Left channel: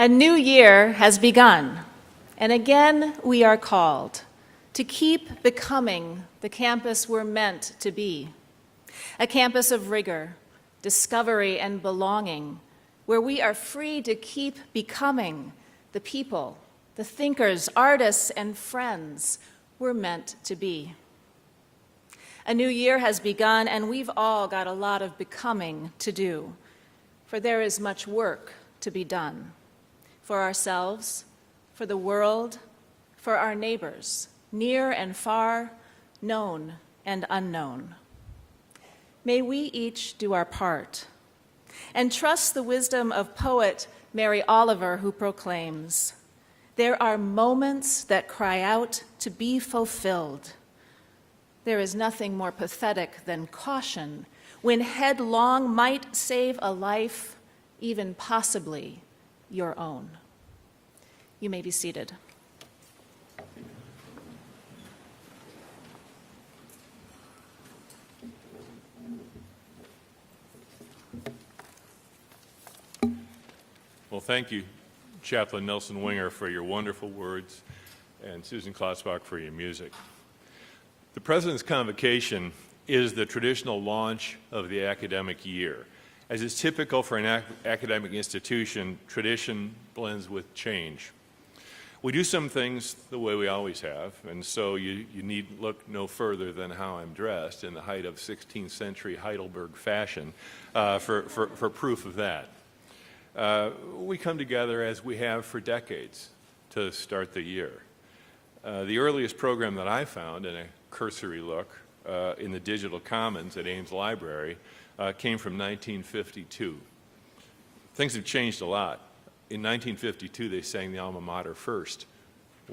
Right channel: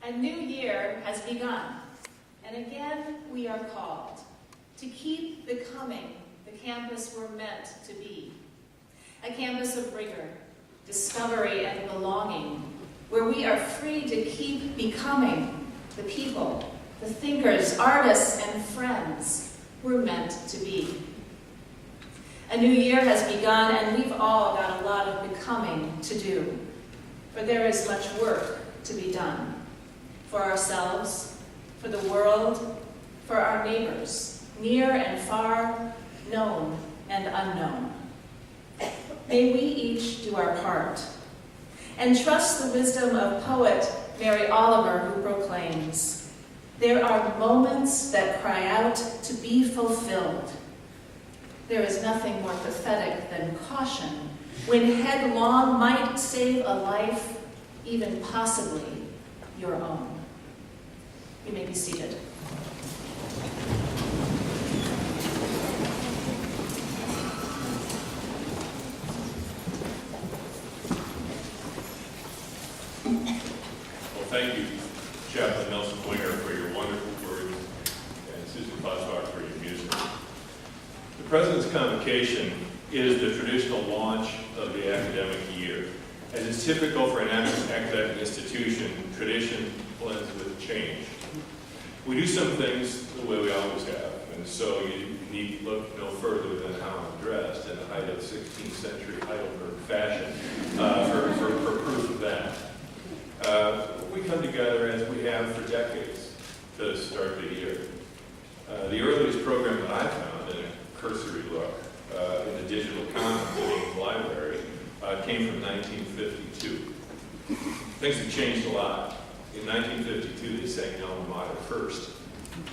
A new year has begun, and again we are called to keep becoming the campus we're meant to be. A campus of rigor, discovery, and belonging, where we are free to keep becoming the people, the thinkers, artists, and friends we're meant to be. A new year has begun, and we've all got a lot of becoming to do, for there is much work to be done. For ourselves, for the world, for our neighbors, near and far, known and unknown. May we each do our part and trust the wisdom of poet Mary Oliver, who proclaims, "There are moments that cry out to be fulfilled. There is nothing more pathetic than caution when headlong might save a life, even possibly your own." You may be seated. Well, thank you, Chaplain Nelson Winger, for your wonderful words, and Susan Klotzbach for your music. The President's Convocation is the traditional launch of the academic year. As is typical for an academic institution, tradition blends with change. We do some things the way we always have, and so you need look no further than how I'm dressed in the height of 16th century Heidelberg fashion for proof of that. We come together as we have for decades to start the year. The earliest program that I found, in a cursory look in the digital commons at Ames Library, came from 1952. Things have changed a lot. In 1952, they sang the alma mater first.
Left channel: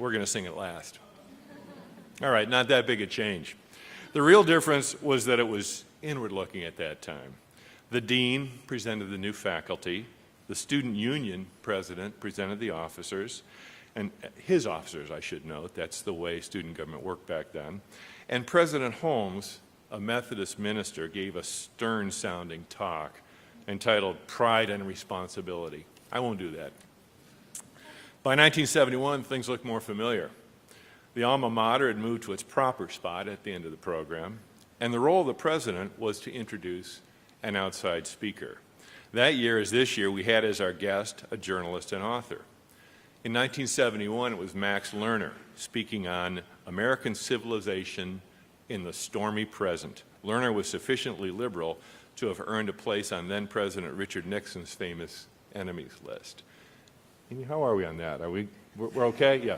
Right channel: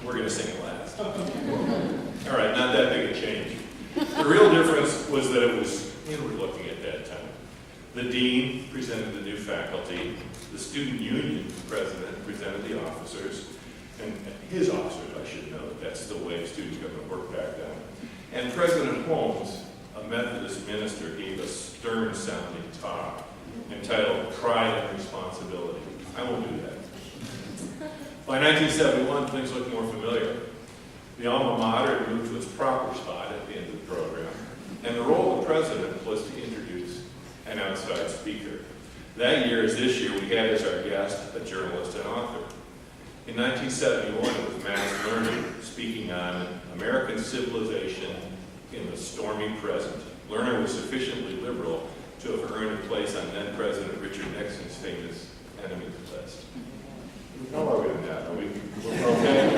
We're going to sing it last. All right, not that big a change. The real difference was that it was inward-looking at that time. The dean presented the new faculty. The student union president presented the officers, and his officers, I should note. That's the way student government worked back then. And President Holmes, a Methodist minister, gave a stern-sounding talk entitled Pride and Responsibility. I won't do that. By 1971, things looked more familiar. The alma mater had moved to its proper spot at the end of the program, and the role of the president was to introduce an outside speaker. That year, as this year, we had as our guest a journalist and author. In 1971, it was Max Lerner speaking on American civilization in the stormy present. Lerner was sufficiently liberal to have earned a place on then-President Richard Nixon's famous enemies list. How are we on that? Are we okay?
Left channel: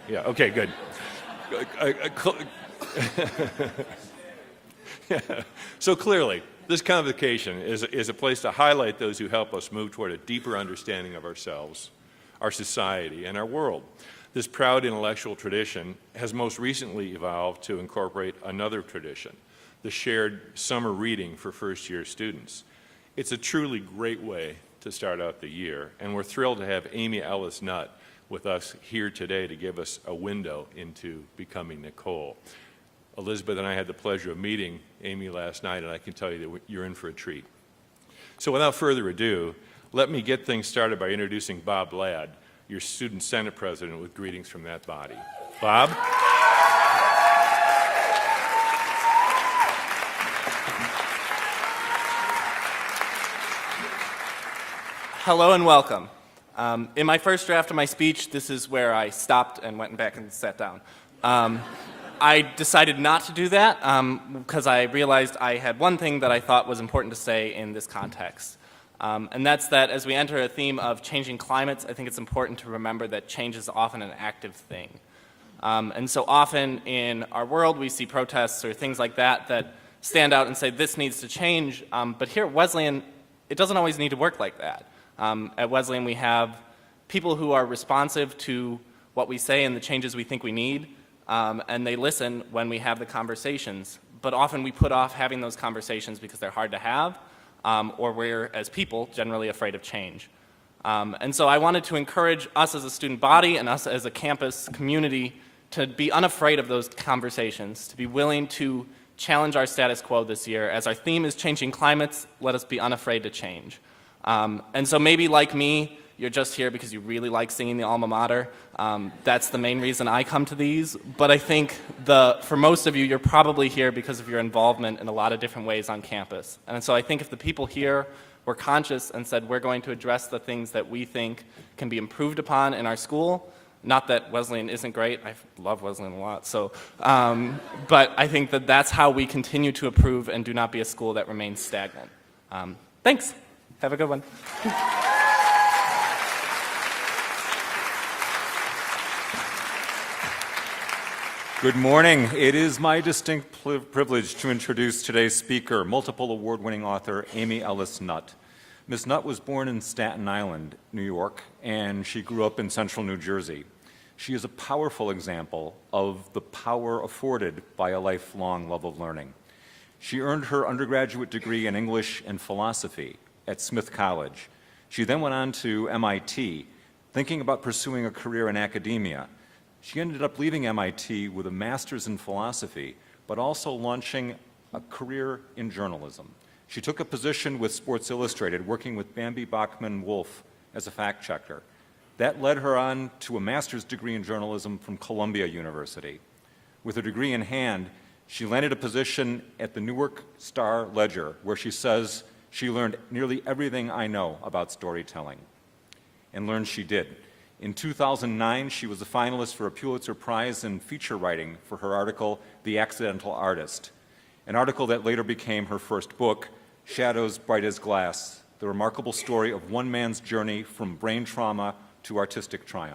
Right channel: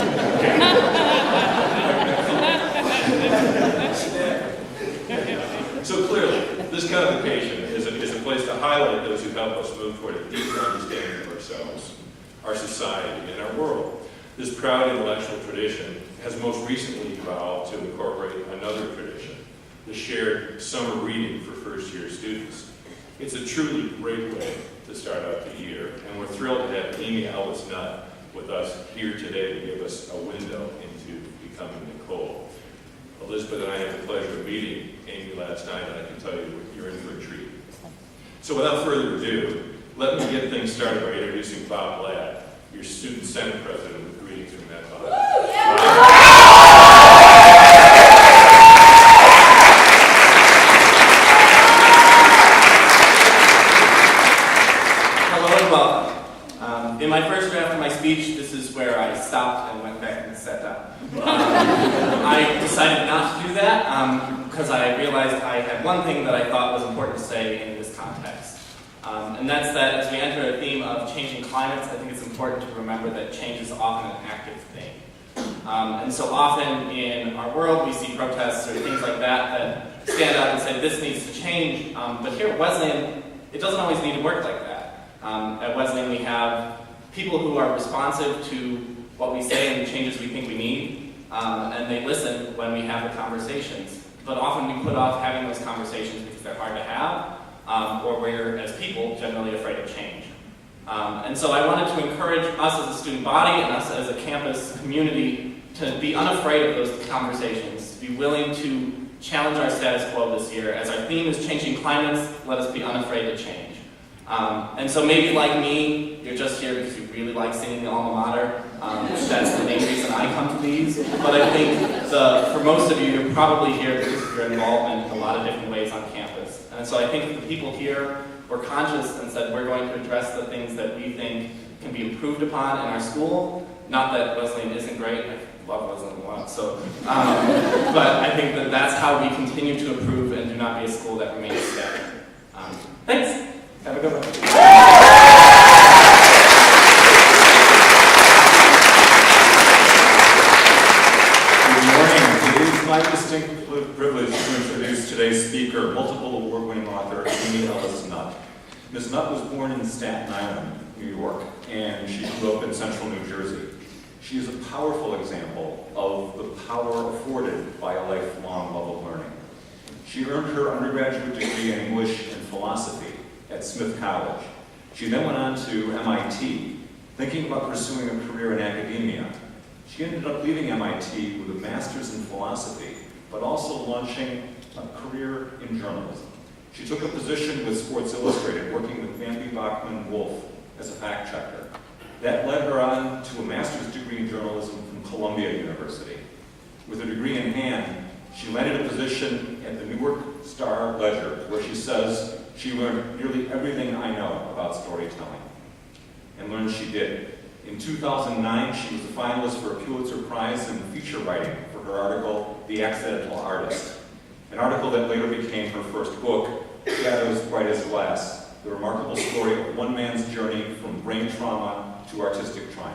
Okay. So clearly, this convocation is a place to highlight those who help us move toward a deeper understanding of ourselves, our society, and our world. This proud intellectual tradition has most recently evolved to incorporate another tradition, the shared summer reading for first-year students. It's a truly great way to start out the year, and we're thrilled to have Amy Ellis Nutt with us here today to give us a window into Becoming Nicole. Elizabeth and I had the pleasure of meeting Amy last night, and I can tell you you're in for a treat. So without further ado, let me get things started by introducing Bob Ladd, your Student Senate President, with greetings from that body. Hello and welcome. In my first draft of my speech, this is where I stopped and went back and sat down. I decided not to do that because I realized I had one thing that I thought was important to say in this context. And that's that as we enter a theme of changing climates, I think it's important to remember that change is often an active thing. And so often in our world, we see protests or things like that that stand out and say this needs to change. But here at Wesleyan, it doesn't always need to work like that. At Wesleyan, we have people who are responsive to what we say and the changes we think we need, and they listen when we have the conversations. But often we put off having those conversations because they're hard to have, or we're, as people, generally afraid of change. And so I wanted to encourage us as a student body and us as a campus community to be unafraid of those conversations, to be willing to challenge our status quo this year. As our theme is changing climates, let us be unafraid to change. And so maybe like me, you're just here because you really like singing the alma mater. That's the main reason I come to these. But I think for most of you, you're probably here because of your involvement in a lot of different ways on campus. And so I think if the people here were conscious and said, we're going to address the things that we think can be improved upon in our school, not that Wesleyan isn't great, I love Wesleyan a lot, so, but I think that that's how we continue to improve and do not be a school that remains stagnant. Thanks. Have a good one. Good morning. It is my distinct privilege to introduce today's speaker, multiple award-winning author Amy Ellis Nutt. Ms. Nutt was born in Staten Island, New York, and she grew up in central New Jersey. She is a powerful example of the power afforded by a lifelong love of learning. She earned her undergraduate degree in English and philosophy at Smith College. She then went on to MIT, thinking about pursuing a career in academia. She ended up leaving MIT with a master's in philosophy, but also launching a career in journalism. She took a position with Sports Illustrated, working with Bambi Bachman-Wolf as a fact checker. That led her on to a master's degree in journalism from Columbia University. With a degree in hand, she landed a position at the Newark Star-Ledger, where she says she learned nearly everything I know about storytelling. And learned she did. In 2009, she was a finalist for a Pulitzer Prize in feature writing for her article, The Accidental Artist, an article that later became her first book, Shadows Bright as Glass, the remarkable story of one man's journey from brain trauma to artistic triumph.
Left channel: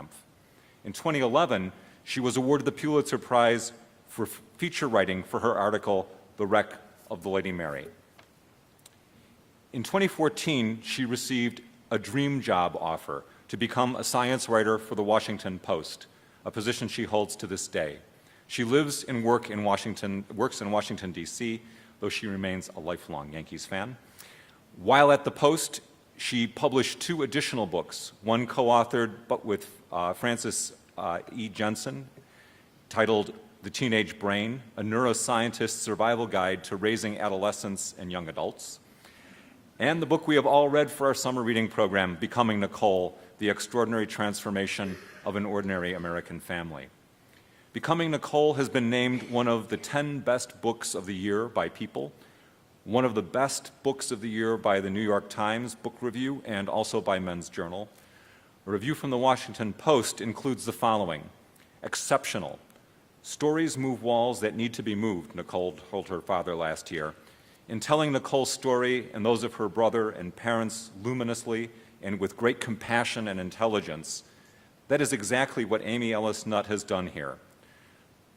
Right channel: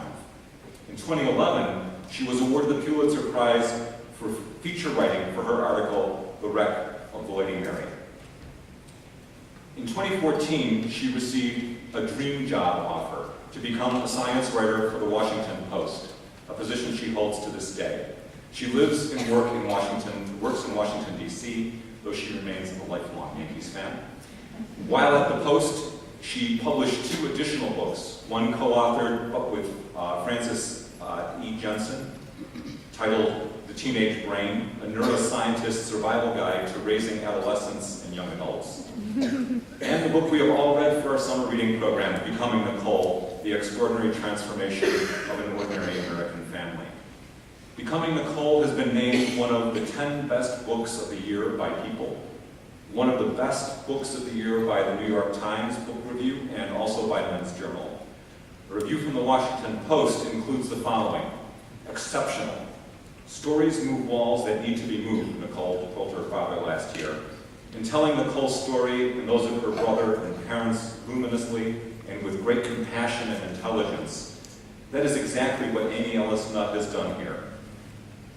In 2011, she was awarded the Pulitzer Prize for feature writing for her article, The Wreck of the Lady Mary. In 2014, she received a dream job offer to become a science writer for the Washington Post, a position she holds to this day. She lives and works in Washington, D.C., though she remains a lifelong Yankees fan. While at the Post, she published 2 additional books, one co-authored but with Francis E. Jensen, titled The Teenage Brain, a neuroscientist's survival guide to raising adolescents and young adults. And the book we have all read for our summer reading program, Becoming Nicole, The Extraordinary Transformation of an Ordinary American Family. Becoming Nicole has been named one of the 10 best books of the year by People, one of the best books of the year by the New York Times Book Review and also by Men's Journal. A review from the Washington Post includes the following: exceptional. Stories move walls that need to be moved, Nicole told her father last year. In telling Nicole's story and those of her brother and parents luminously and with great compassion and intelligence, that is exactly what Amy Ellis Nutt has done here.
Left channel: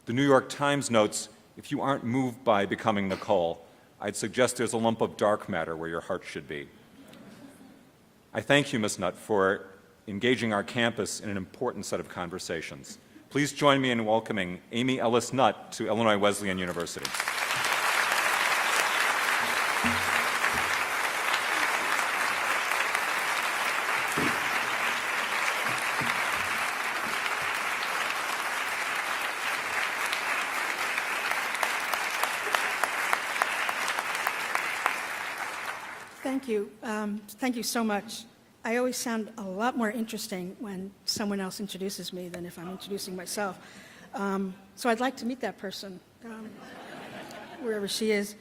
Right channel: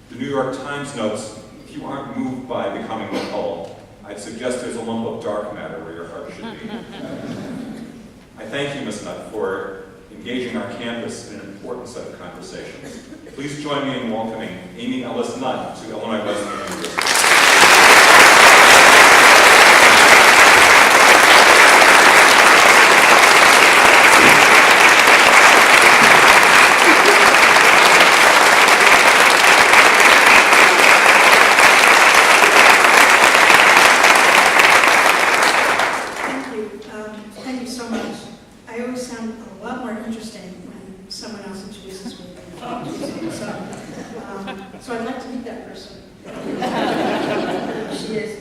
The New York Times notes, if you aren't moved by Becoming Nicole, I'd suggest there's a lump of dark matter where your heart should be. I thank you, Ms. Nutt, for engaging our campus in an important set of conversations. Please join me in welcoming Amy Ellis Nutt to Illinois Wesleyan University. Thank you so much. I always sound a lot more interesting when someone else introduces me than if I introduce myself. So I'd like to meet that person. Wherever she is.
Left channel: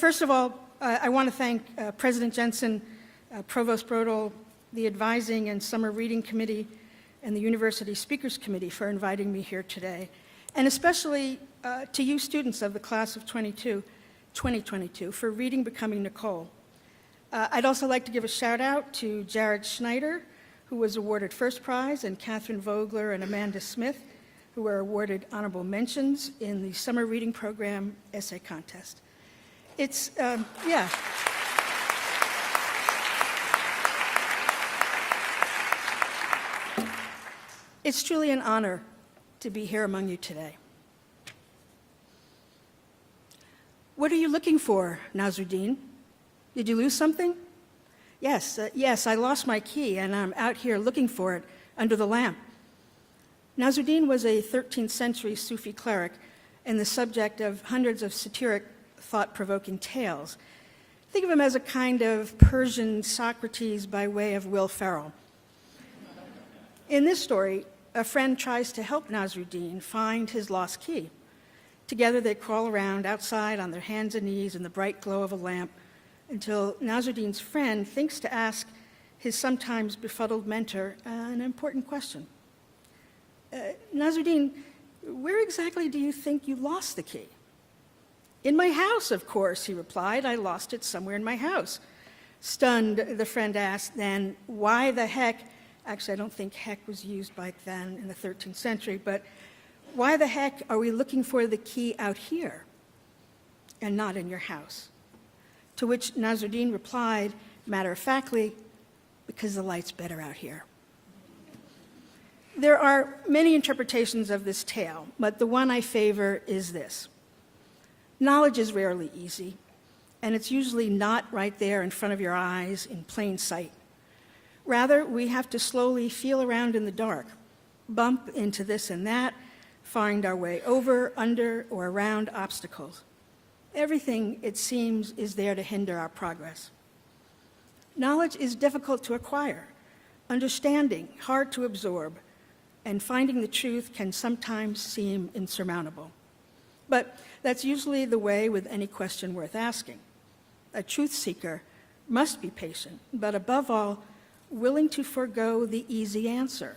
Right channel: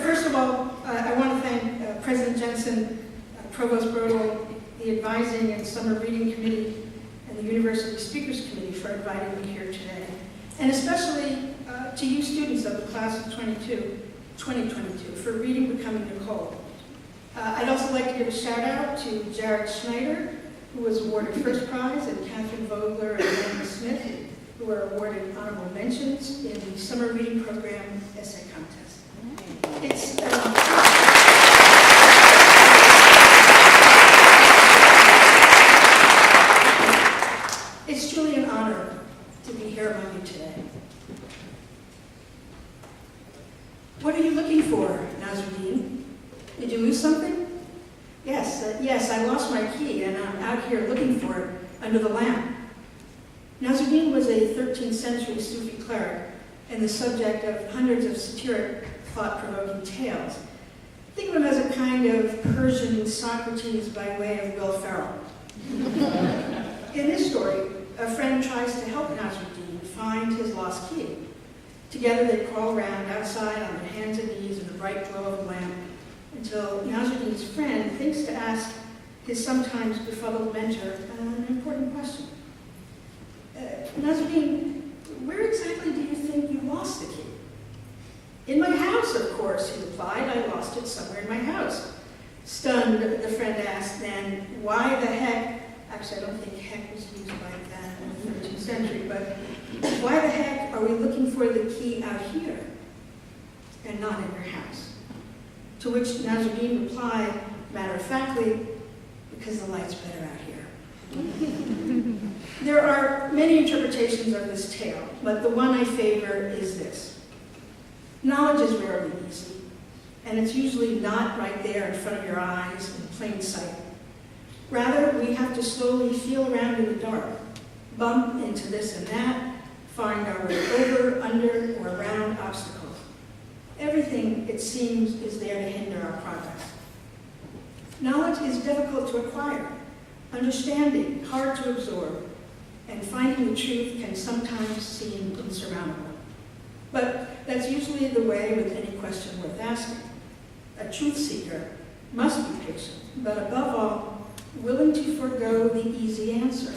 First of all, I want to thank President Jensen, Provost Brodel, the Advising and Summer Reading Committee, and the University Speakers Committee for inviting me here today. And especially to you students of the class of 2022 for reading Becoming Nicole. I'd also like to give a shout out to Jared Schneider, who was awarded first prize, and Catherine Vogler and Amanda Smith, who were awarded honorable mentions in the summer reading program essay contest. It's truly an honor to be here among you today. What are you looking for, Nazruddin? Did you lose something? Yes, I lost my key and I'm out here looking for it under the lamp. Nazruddin was a 13th century Sufi cleric and the subject of hundreds of satiric, thought-provoking tales. Think of him as a kind of Persian Socrates by way of Will Ferrell. In this story, a friend tries to help Nasruddin find his lost key. Together they crawl around outside on their hands and knees in the bright glow of a lamp until Nasruddin's friend thinks to ask his sometimes befuddled mentor an important question. Nasruddin, where exactly do you think you lost the key? In my house, of course, he replied. I lost it somewhere in my house. Stunned, the friend asked then, why the heck, actually I don't think heck was used like that in the 13th century, but why the heck are we looking for the key out here and not in your house? To which Nasruddin replied, matter-of-factly, because the light's better out here. There are many interpretations of this tale, but the one I favor is this. Knowledge is rarely easy, and it's usually not right there in front of your eyes in plain sight. Rather, we have to slowly feel around in the dark, bump into this and that, find our way over, under, or around obstacles. Everything, it seems, is there to hinder our progress. Knowledge is difficult to acquire, understanding hard to absorb, and finding the truth can sometimes seem insurmountable. But that's usually the way with any question worth asking. A truth seeker must be patient, but above all, willing to forego the easy answer,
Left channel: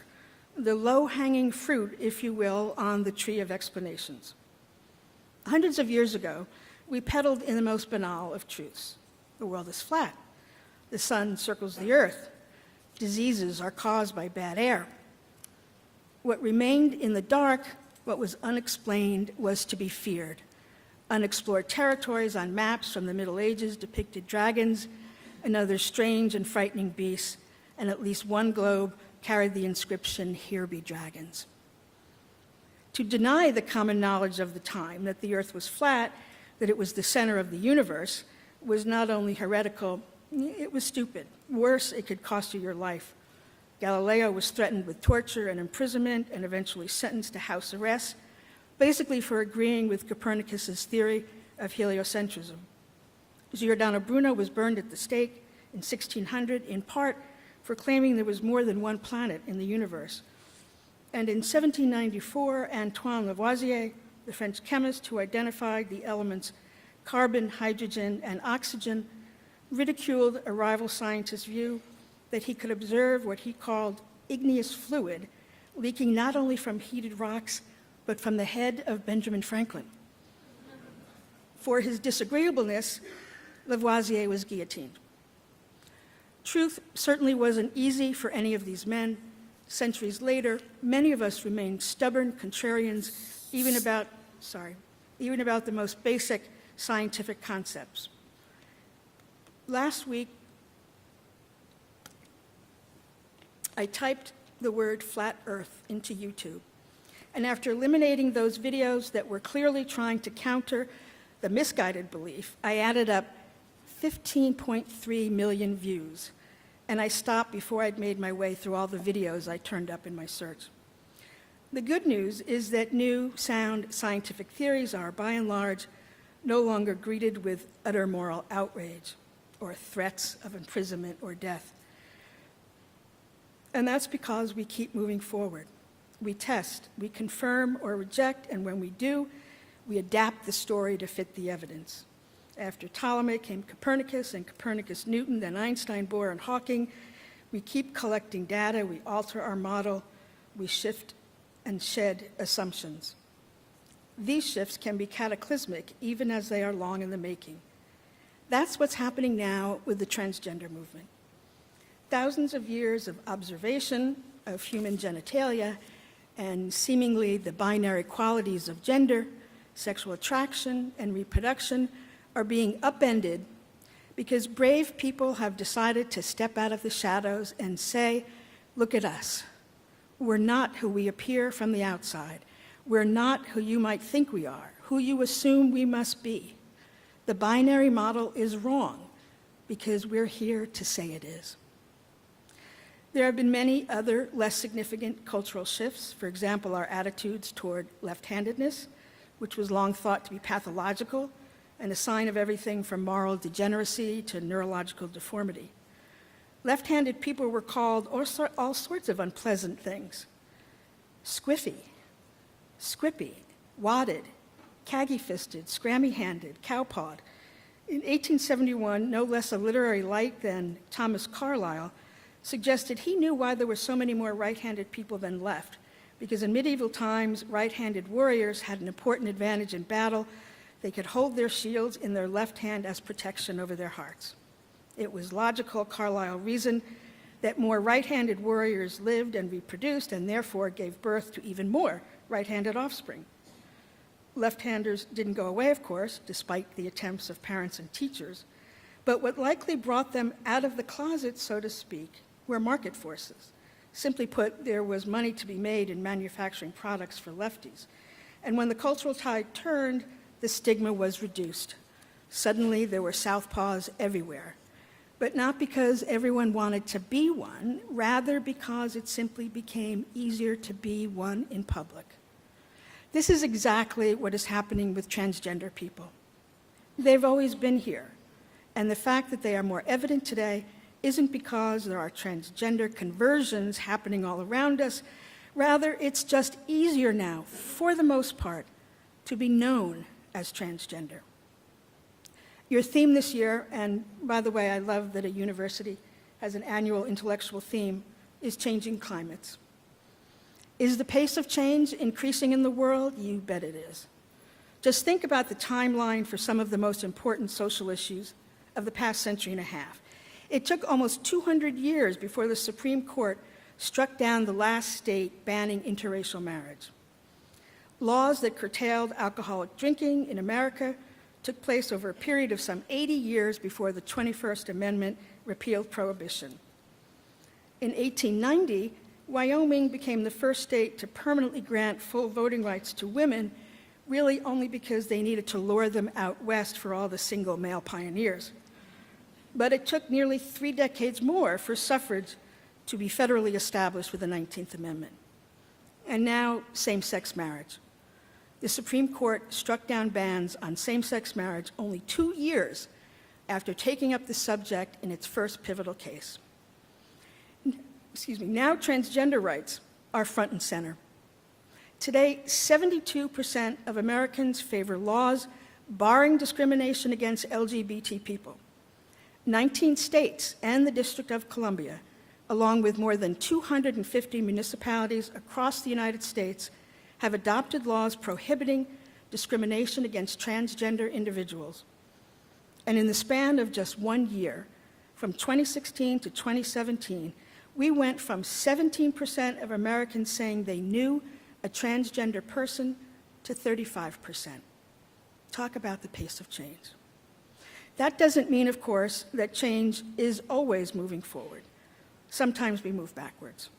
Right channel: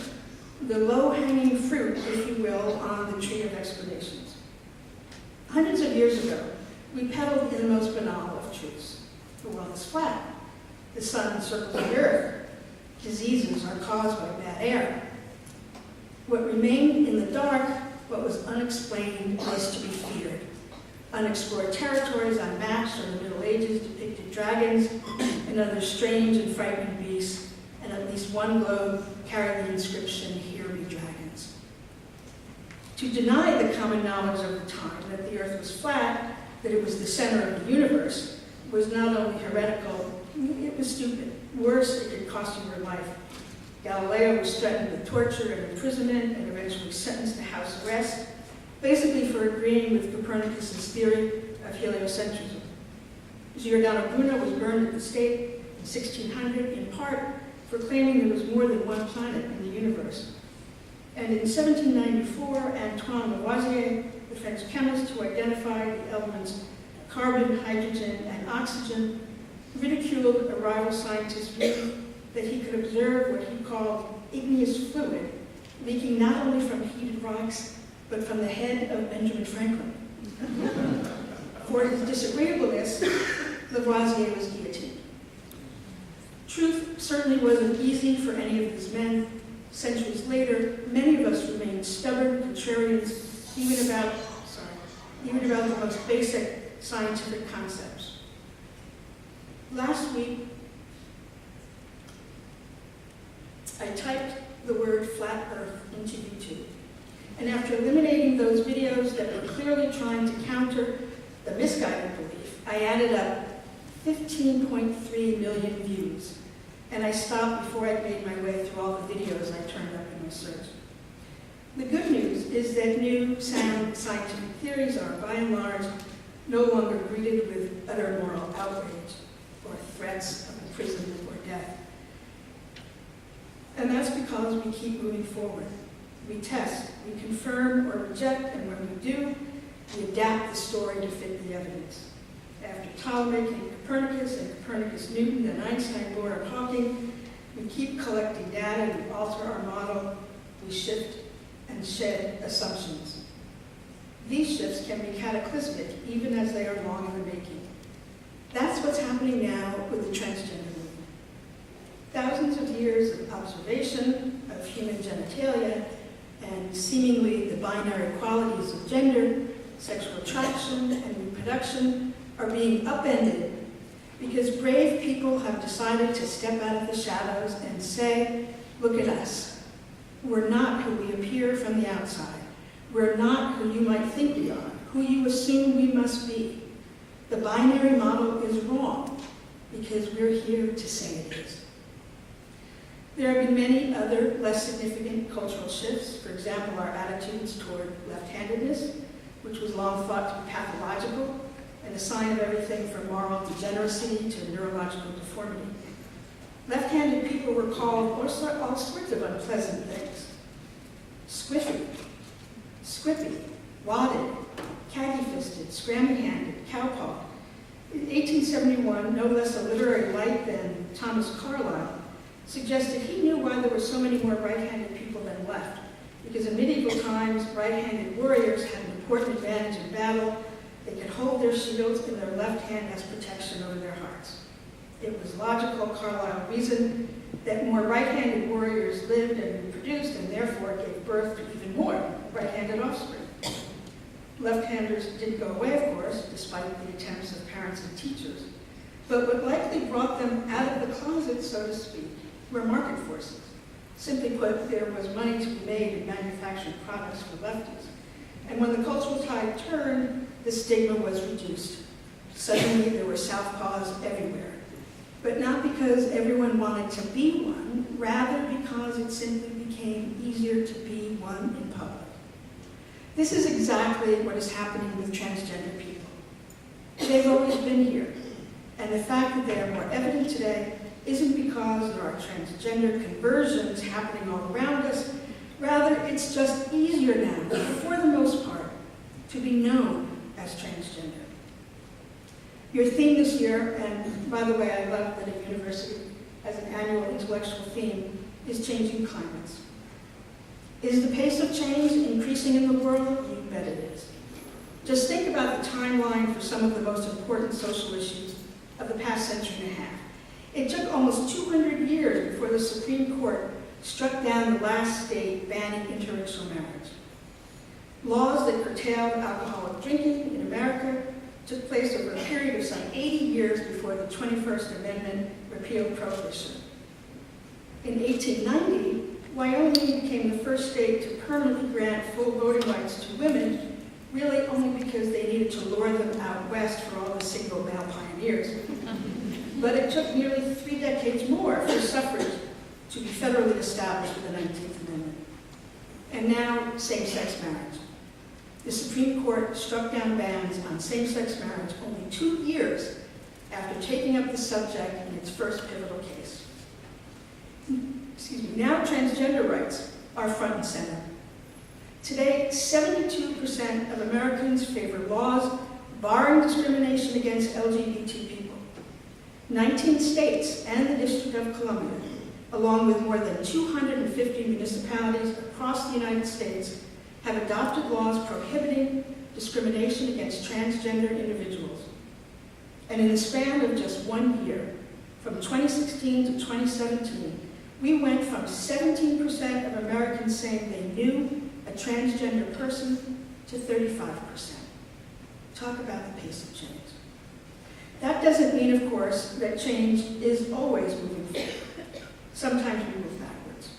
the low-hanging fruit, if you will, on the tree of explanations. Hundreds of years ago, we peddled in the most banal of truths. The world is flat. The sun circles the earth. Diseases are caused by bad air. What remained in the dark, what was unexplained, was to be feared. Unexplored territories on maps from the Middle Ages depicted dragons and other strange and frightening beasts, and at least one globe carried the inscription, "Here be dragons." To deny the common knowledge of the time that the earth was flat, that it was the center of the universe, was not only heretical, it was stupid. Worse, it could cost you your life. Galileo was threatened with torture and imprisonment and eventually sentenced to house arrest, basically for agreeing with Copernicus's theory of heliocentrism. Giordano Bruno was burned at the stake in 1600, in part for claiming there was more than one planet in the universe. And in 1794, Antoine Lavoisier, the French chemist who identified the elements carbon, hydrogen, and oxygen, ridiculed a rival scientist's view that he could observe what he called igneous fluid leaking not only from heated rocks, but from the head of Benjamin Franklin. For his disagreeableness, Lavoisier was guillotined. Truth certainly wasn't easy for any of these men. Centuries later, many of us remain stubborn contrarians, even about the most basic scientific concepts. Last week, I typed the word flat earth into YouTube. And after eliminating those videos that were clearly trying to counter the misguided belief, I added up 15.3 million views. And I stopped before I'd made my way through all the videos I turned up in my search. The good news is that new, sound scientific theories are, by and large, no longer greeted with utter moral outrage or threats of imprisonment or death. And that's because we keep moving forward. We test, we confirm or reject, and when we do, we adapt the story to fit the evidence. After Ptolemy came Copernicus, and Copernicus Newton, and Einstein, Bohr, and Hawking, we keep collecting data, we alter our model, we shift and shed assumptions. These shifts can be cataclysmic, even as they are long in the making. That's what's happening now with the transgender movement. Thousands of years of observation of human genitalia and seemingly the binary qualities of gender, sexual attraction, and reproduction are being upended because brave people have decided to step out of the shadows and say, look at us. We're not who we appear from the outside. We're not who you might think we are, who you assume we must be. The binary model is wrong because we're here to say it is. There have been many other less significant cultural shifts. For example, our attitudes toward left-handedness, which was long thought to be pathological, and a sign of everything from moral degeneracy to neurological deformity. Left-handed people were called all sorts of unpleasant things. Squiffy, squippy, wadded, caggy-fisted, scrammy-handed, cowpawed. In 1871, no less a literary light than Thomas Carlyle suggested he knew why there were so many more right-handed people than left, because in medieval times, right-handed warriors had an important advantage in battle. They could hold their shields in their left hand as protection over their hearts. It was logical, Carlyle reasoned, that more right-handed warriors lived and reproduced and therefore gave birth to even more right-handed offspring. Left-handers didn't go away, of course, despite the attempts of parents and teachers, but what likely brought them out of the closet, so to speak, were market forces. Simply put, there was money to be made in manufacturing products for lefties. And when the cultural tide turned, the stigma was reduced. Suddenly, there were southpaws everywhere. But not because everyone wanted to be one, rather because it simply became easier to be one in public. This is exactly what is happening with transgender people. They've always been here, and the fact that they are more evident today isn't because there are transgender conversions happening all around us. Rather, it's just easier now, for the most part, to be known as transgender. Your theme this year, and by the way, I love that a university has an annual intellectual theme, is changing climates. Is the pace of change increasing in the world? You bet it is. Just think about the timeline for some of the most important social issues of the past century and a half. It took almost 200 years before the Supreme Court struck down the last state banning interracial marriage. Laws that curtailed alcoholic drinking in America took place over a period of some 80 years before the 21st Amendment repealed prohibition. In 1890, Wyoming became the first state to permanently grant full voting rights to women, really only because they needed to lure them out west for all the single male pioneers. But it took nearly 3 decades more for suffrage to be federally established with the 19th Amendment. And now, same-sex marriage. The Supreme Court struck down bans on same-sex marriage only 2 years after taking up the subject in its first pivotal case. Now transgender rights are front and center. Today, 72% of Americans favor laws barring discrimination against LGBT people. 19 states and the District of Columbia, along with more than 250 municipalities across the United States, have adopted laws prohibiting discrimination against transgender individuals. And in the span of just 1 year, from 2016 to 2017, we went from 17% of Americans saying they knew a transgender person to 35%. Talk about the pace of change. That doesn't mean, of course, that change is always moving forward. Sometimes we move backwards.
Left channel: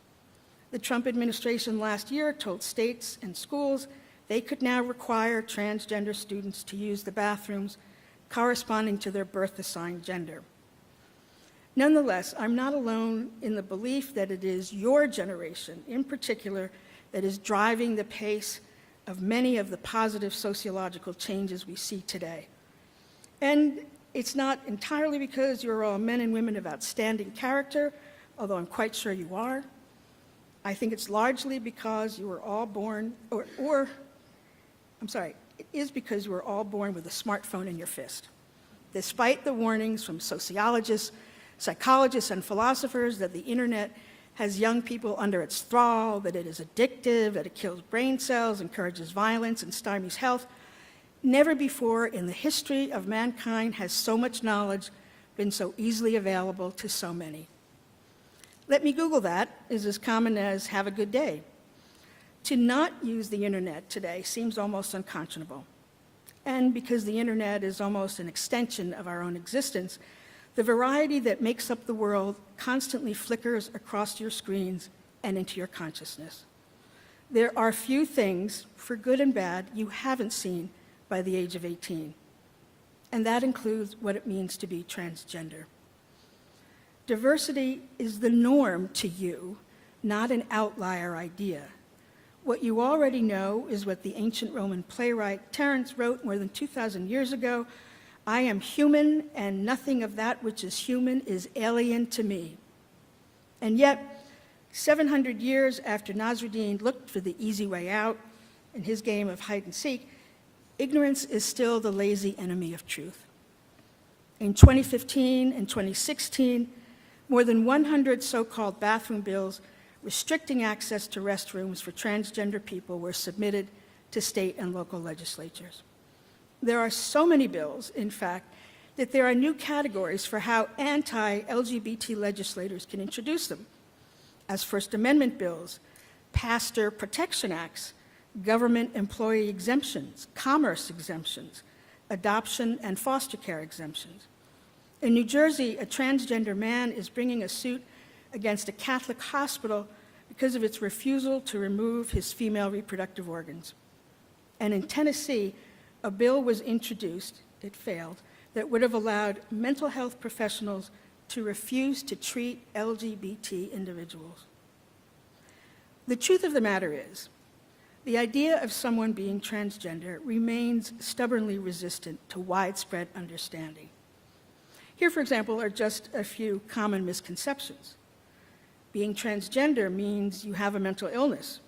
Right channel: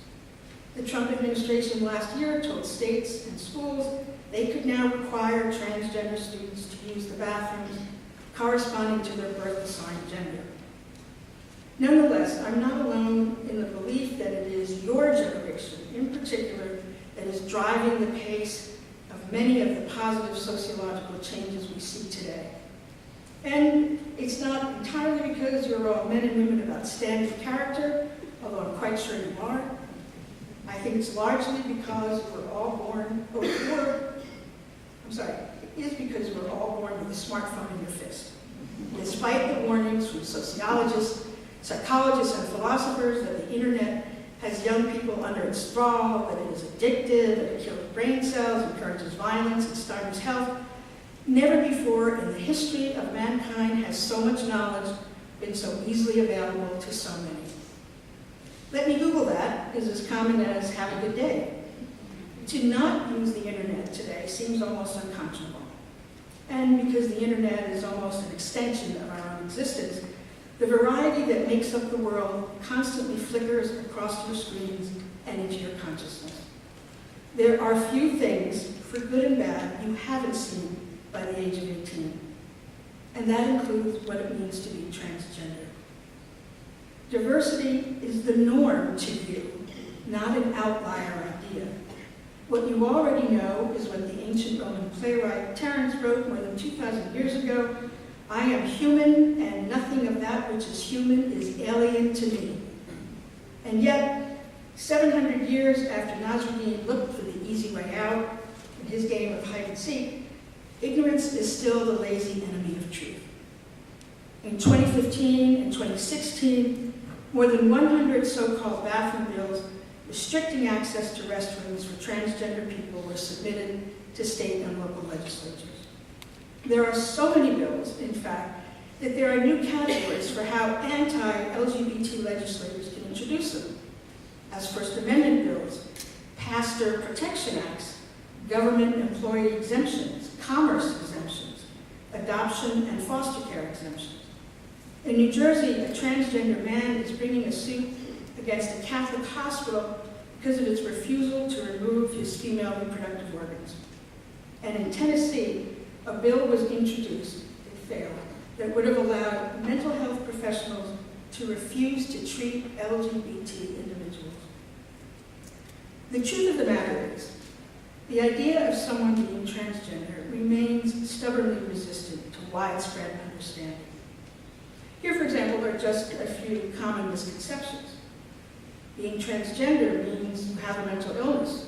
The Trump administration last year told states and schools they could now require transgender students to use the bathrooms corresponding to their birth-assigned gender. Nonetheless, I'm not alone in the belief that it is your generation, in particular, that is driving the pace of many of the positive sociological changes we see today. And it's not entirely because you're all men and women of outstanding character, although I'm quite sure you are. I think it's largely because you were all born, it is because you were all born with a smartphone in your fist. Despite the warnings from sociologists, psychologists, and philosophers that the internet has young people under its thrall, that it is addictive, that it kills brain cells, encourages violence, and stymies health, never before in the history of mankind has so much knowledge been so easily available to so many. Let me Google that is as common as have a good day. To not use the internet today seems almost unconscionable. And because the internet is almost an extension of our own existence, the variety that makes up the world constantly flickers across your screens and into your consciousness. There are few things, for good and bad, you haven't seen by the age of 18. And that includes what it means to be transgender. Diversity is the norm to you, not an outlier idea. What you already know is what the ancient Roman playwright Terence wrote more than 2,000 years ago I am human, and nothing of that which is human is alien to me. And yet, 700 years after Nasruddin looked for the easy way out in his game of hide and seek, ignorance is still the lazy enemy of truth. In 2015 and 2016, more than 100 so-called bathroom bills restricting access to restrooms for transgender people were submitted to state and local legislatures. There are so many bills, in fact, that there are new categories for how anti-LGBT legislators can introduce them, as First Amendment bills, pastor protection acts, government employee exemptions, commerce exemptions, adoption and foster care exemptions. In New Jersey, a transgender man is bringing a suit against a Catholic hospital because of its refusal to remove his female reproductive organs. And in Tennessee, a bill was introduced, it failed, that would have allowed mental health professionals to refuse to treat LGBT individuals. The truth of the matter is, the idea of someone being transgender remains stubbornly resistant to widespread understanding. Here, for example, are just a few common misconceptions. Being transgender means you have a mental illness.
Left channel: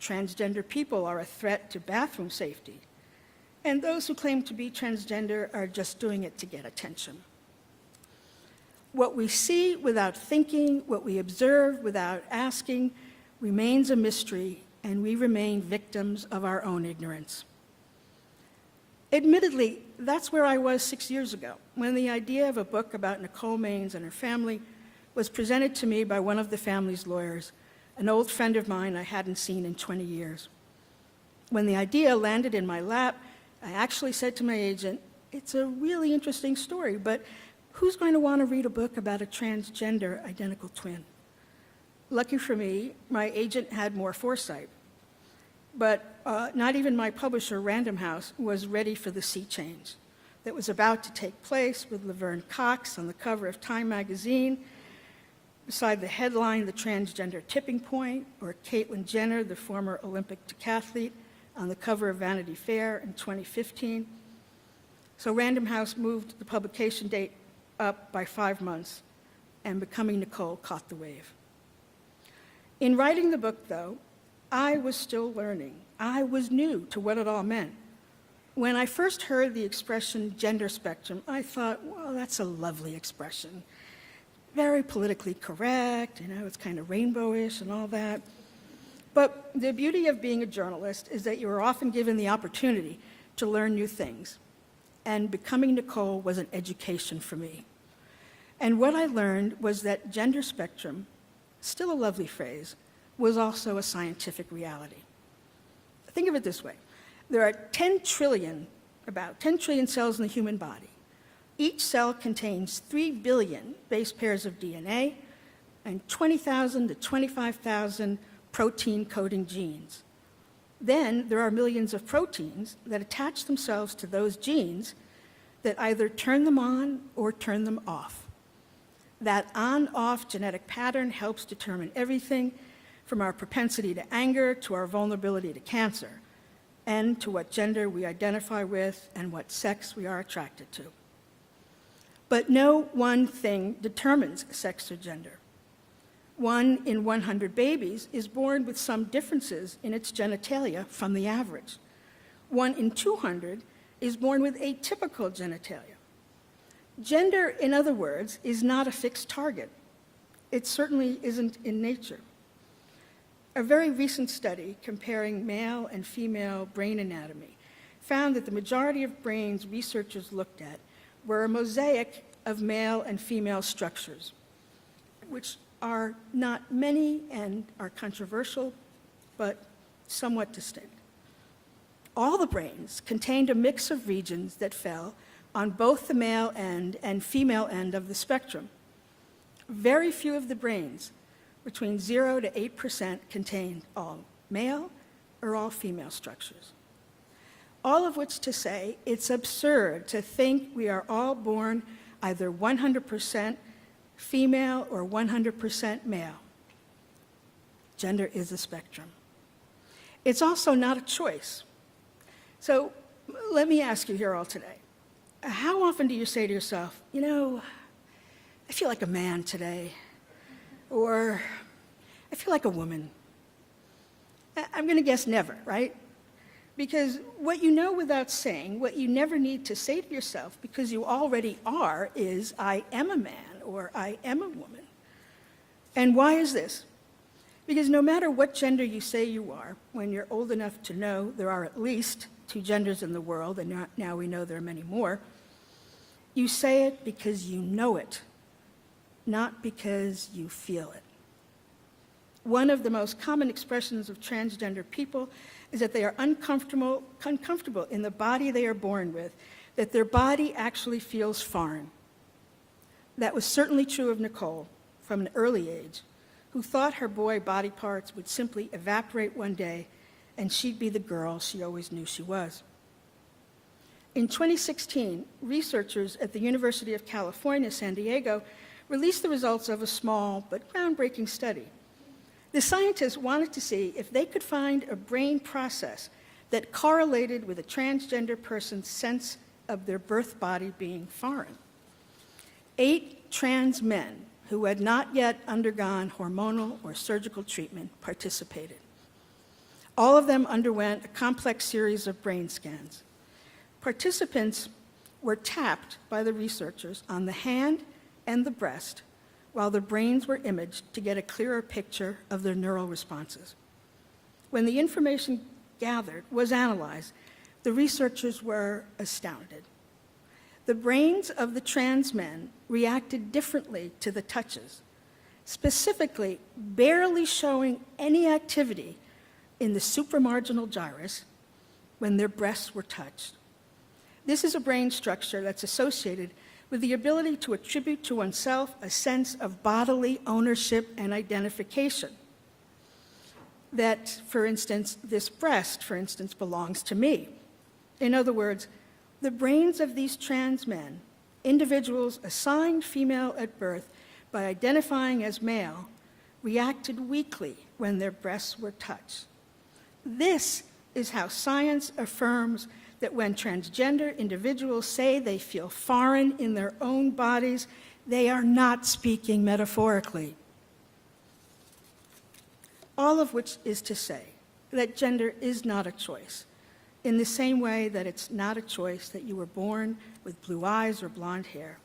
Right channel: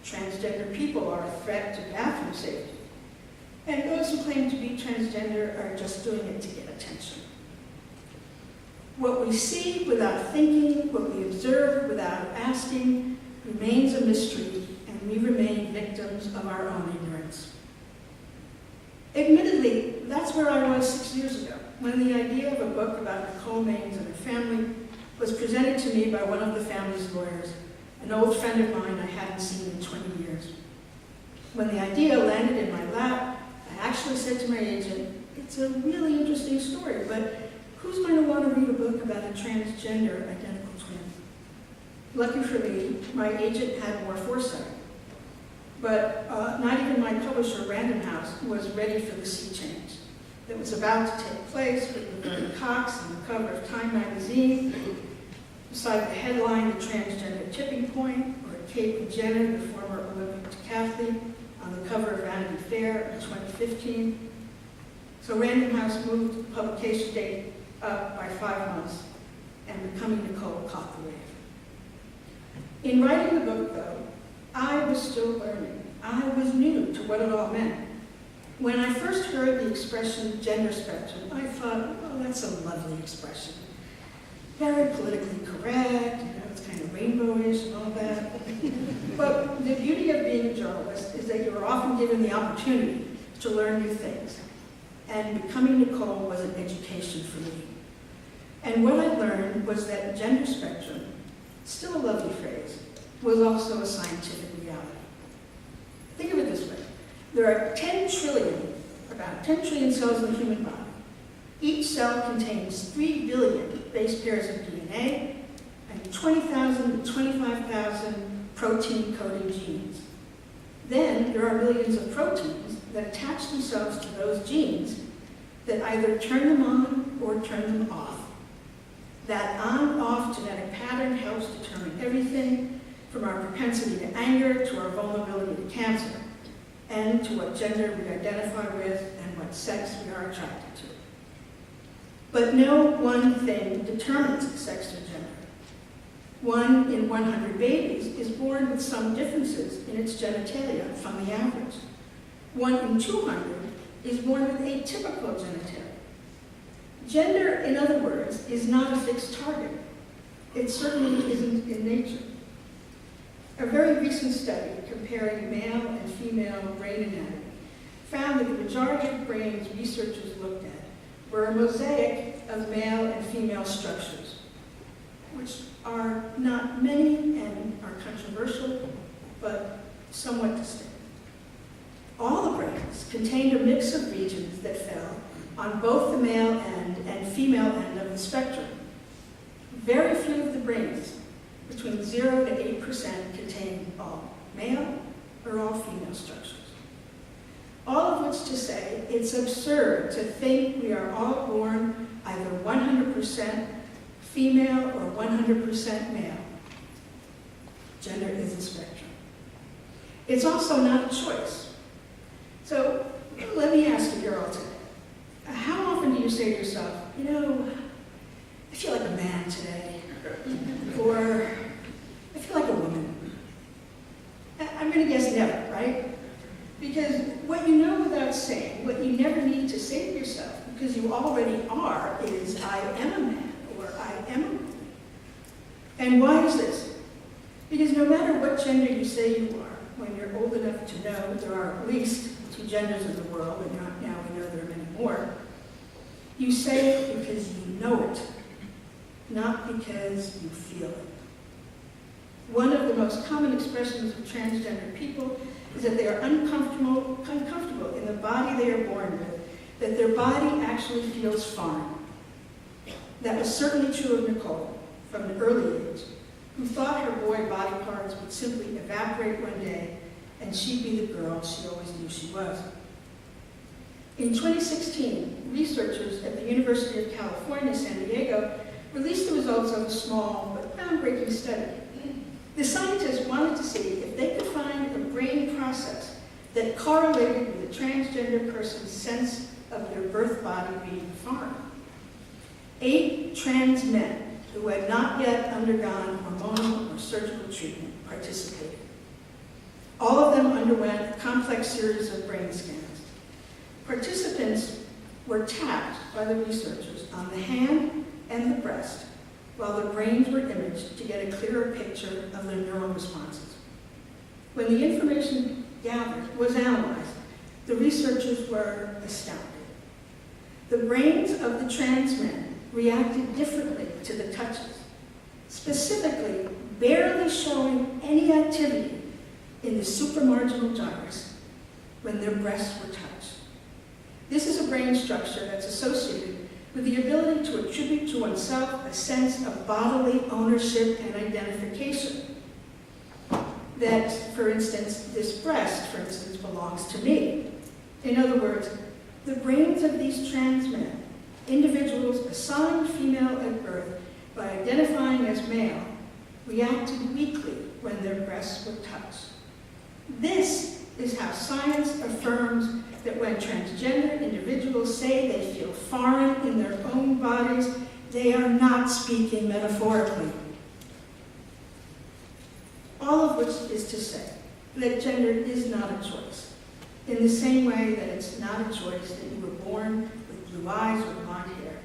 Transgender people are a threat to bathroom safety. And those who claim to be transgender are just doing it to get attention. What we see without thinking, what we observe without asking, remains a mystery, and we remain victims of our own ignorance. Admittedly, that's where I was 6 years ago, when the idea of a book about Nicole Maines and her family was presented to me by one of the family's lawyers, an old friend of mine I hadn't seen in 20 years. When the idea landed in my lap, I actually said to my agent, "It's a really interesting story, but who's going to want to read a book about a transgender identical twin?" Lucky for me, my agent had more foresight. But not even my publisher, Random House, was ready for the sea change that was about to take place with Laverne Cox on the cover of Time magazine, beside the headline, "The Transgender Tipping Point," or Caitlyn Jenner, the former Olympic decathlete, on the cover of Vanity Fair in 2015. So Random House moved the publication date up by 5 months, and Becoming Nicole caught the wave. In writing the book, though, I was still learning. I was new to what it all meant. When I first heard the expression gender spectrum, I thought, oh, that's a lovely expression. Very politically correct, it's kind of rainbowish and all that. But the beauty of being a journalist is that you're often given the opportunity to learn new things. And Becoming Nicole was an education for me. And what I learned was that gender spectrum, still a lovely phrase, was also a scientific reality. Think of it this way. There are about 10 trillion cells in the human body. Each cell contains 3 billion base pairs of DNA and 20,000 to 25,000 protein-coding genes. Then there are millions of proteins that attach themselves to those genes that either turn them on or turn them off. That on-off genetic pattern helps determine everything from our propensity to anger to our vulnerability to cancer, and to what gender we identify with and what sex we are attracted to. But no one thing determines sex or gender. 1 in 100 babies is born with some differences in its genitalia from the average. 1 in 200 is born with atypical genitalia. Gender, in other words, is not a fixed target. It certainly isn't in nature. A very recent study comparing male and female brain anatomy found that the majority of brains researchers looked at were a mosaic of male and female structures, which are not many and are controversial, but somewhat distinct. All the brains contained a mix of regions that fell on both the male end and female end of the spectrum. Very few of the brains, between 0 to 8%, contain all male or all female structures. All of which to say, it's absurd to think we are all born either 100% female or 100% male. Gender is a spectrum. It's also not a choice. So let me ask you here all today, How often do you say to yourself, you know, I feel like a man today, or I feel like a woman? I'm going to guess never, right? Because what you know without saying, what you never need to say to yourself, because you already are, is I am a man, or I am a woman. And why is this? Because no matter what gender you say you are, when you're old enough to know there are at least 2 genders in the world, and now we know there are many more, you say it because you know it, not because you feel it. One of the most common expressions of transgender people is that they are uncomfortable in the body they are born with, that their body actually feels foreign. That was certainly true of Nicole from an early age, who thought her boy body parts would simply evaporate one day and she'd be the girl she always knew she was. In 2016, researchers at the University of California, San Diego, released the results of a small but groundbreaking study. The scientists wanted to see if they could find a brain process that correlated with a transgender person's sense of their birth body being foreign. 8 trans men who had not yet undergone hormonal or surgical treatment participated. All of them underwent a complex series of brain scans. Participants were tapped by the researchers on the hand and the breast while the brains were imaged to get a clearer picture of their neural responses. When the information gathered was analyzed, the researchers were astounded. The brains of the trans men reacted differently to the touches, specifically barely showing any activity in the supramarginal gyrus when their breasts were touched. This is a brain structure that's associated with the ability to attribute to oneself a sense of bodily ownership and identification. That, for instance, this breast, for instance, belongs to me. In other words, the brains of these trans men, individuals assigned female at birth by identifying as male, reacted weakly when their breasts were touched. This is how science affirms that when transgender individuals say they feel foreign in their own bodies, they are not speaking metaphorically. All of which is to say that gender is not a choice, in the same way that it's not a choice that you were born with blue eyes or blonde hair.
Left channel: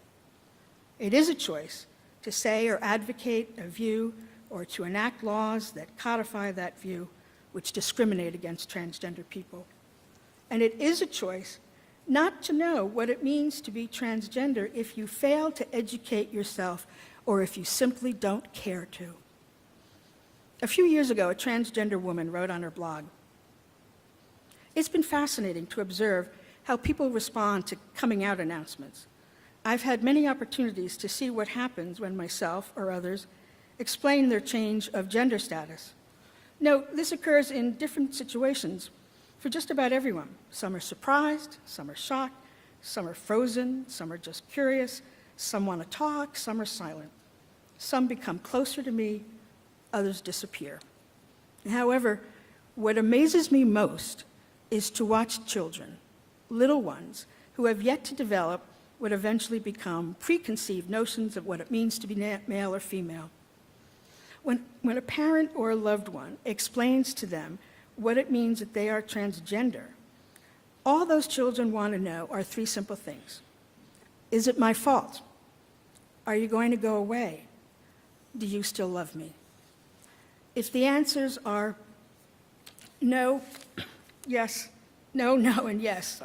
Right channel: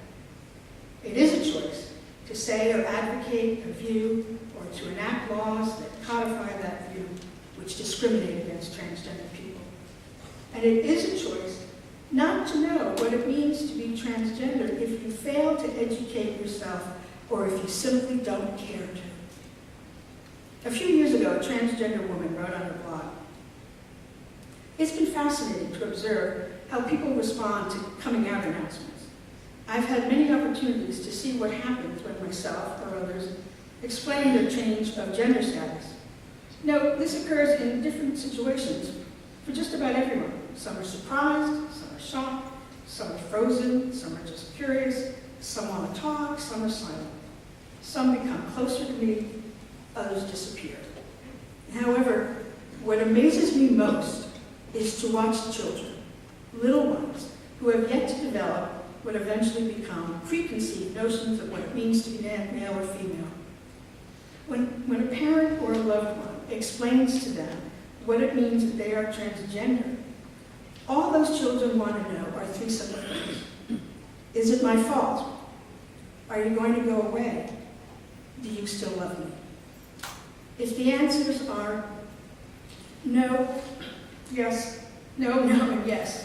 It is a choice to say or advocate a view or to enact laws that codify that view which discriminate against transgender people. And it is a choice not to know what it means to be transgender if you fail to educate yourself or if you simply don't care to. A few years ago, a transgender woman wrote on her blog, "It's been fascinating to observe how people respond to coming out announcements. I've had many opportunities to see what happens when myself or others explain their change of gender status. Note, this occurs in different situations for just about everyone. Some are surprised, some are shocked, some are frozen, some are just curious, some want to talk, some are silent. Some become closer to me, others disappear. However, what amazes me most is to watch children, little ones, who have yet to develop what eventually become preconceived notions of what it means to be male or female. When a parent or a loved one explains to them what it means that they are transgender, all those children want to know are 3 simple things. Is it my fault? Are you going to go away? Do you still love me? If the answers are no, yes, no, and yes,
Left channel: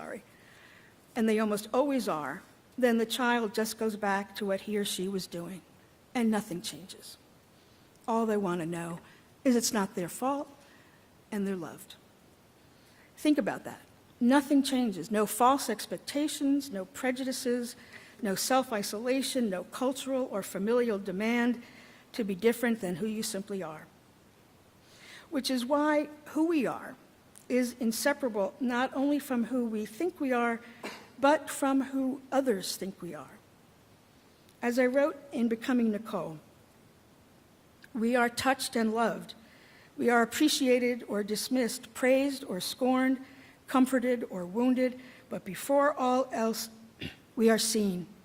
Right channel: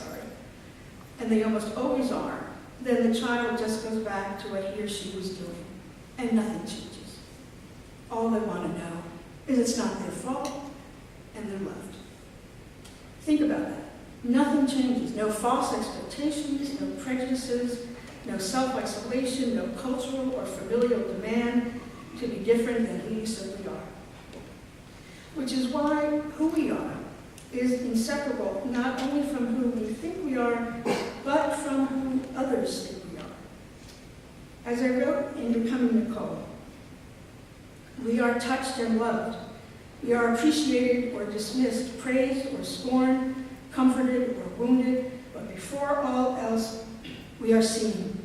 and they almost always are, then the child just goes back to what he or she was doing, and nothing changes. All they want to know is it's not their fault, and they're loved. Think about that. Nothing changes. No false expectations, no prejudices, no self-isolation, no cultural or familial demand to be different than who you simply are. Which is why who we are is inseparable not only from who we think we are, but from who others think we are. As I wrote in Becoming Nicole, we are touched and loved. We are appreciated or dismissed, praised or scorned, comforted or wounded, but before all else, We are seen.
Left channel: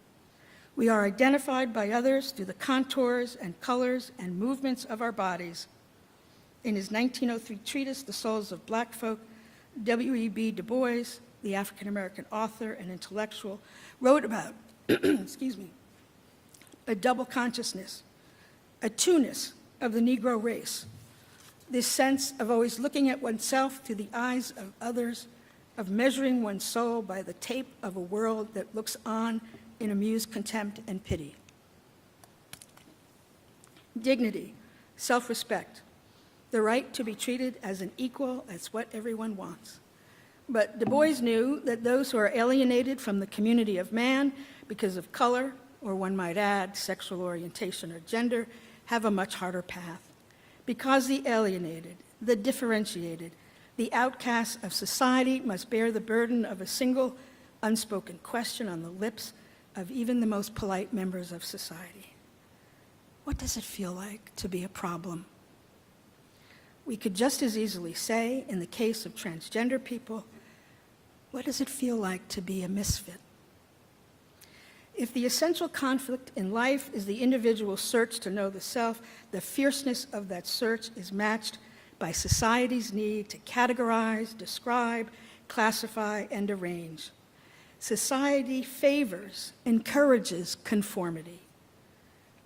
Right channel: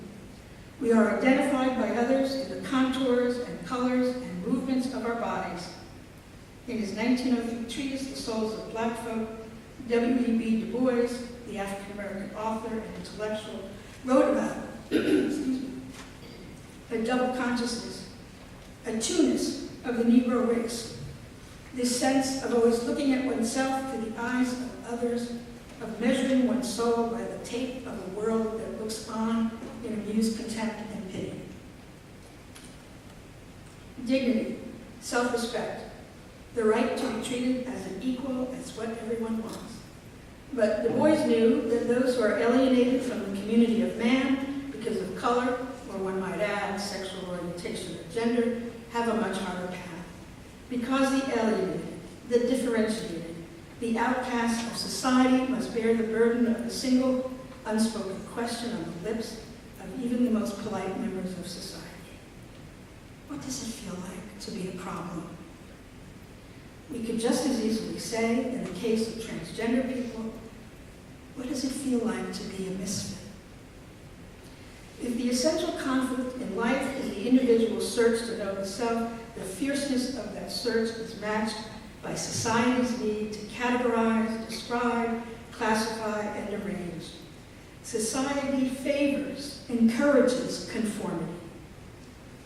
We are identified by others through the contours and colors and movements of our bodies. In his 1903 treatise, The Souls of Black Folk, W.E.B. Du Bois, the African-American author and intellectual, wrote about excuse me, a double consciousness, a two-ness of the Negro race, this sense of always looking at oneself through the eyes of others, of measuring one's soul by the tape of a world that looks on in amused contempt and pity. Dignity, self-respect, the right to be treated as an equal is what everyone wants. But Du Bois knew that those who are alienated from the community of man because of color, or one might add, sexual orientation or gender, have a much harder path. Because the alienated, the differentiated, the outcast of society must bear the burden of a single unspoken question on the lips of even the most polite members of society. What does it feel like to be a problem? We could just as easily say, in the case of transgender people, what does it feel like to be a misfit? If the essential conflict in life is the individual's search to know the self, the fierceness of that search is matched by society's need to categorize, describe, classify, and arrange. Society favors, encourages conformity,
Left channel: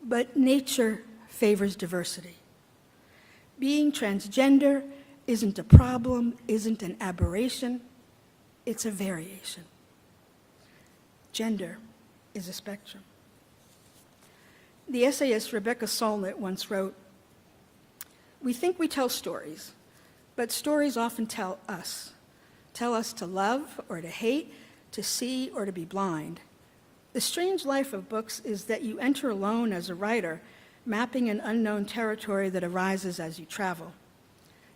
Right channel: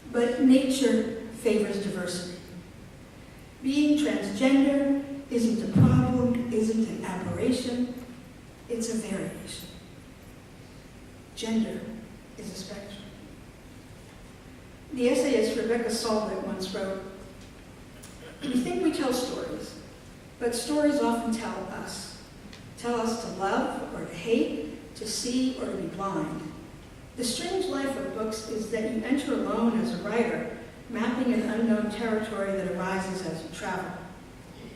but nature favors diversity. Being transgender isn't a problem, isn't an aberration, it's a variation. Gender is a spectrum. The essayist Rebecca Solnit once wrote, "We think we tell stories, but stories often tell us to love or to hate, to see or to be blind. The strange life of books is that you enter alone as a writer, mapping an unknown territory that arises as you travel.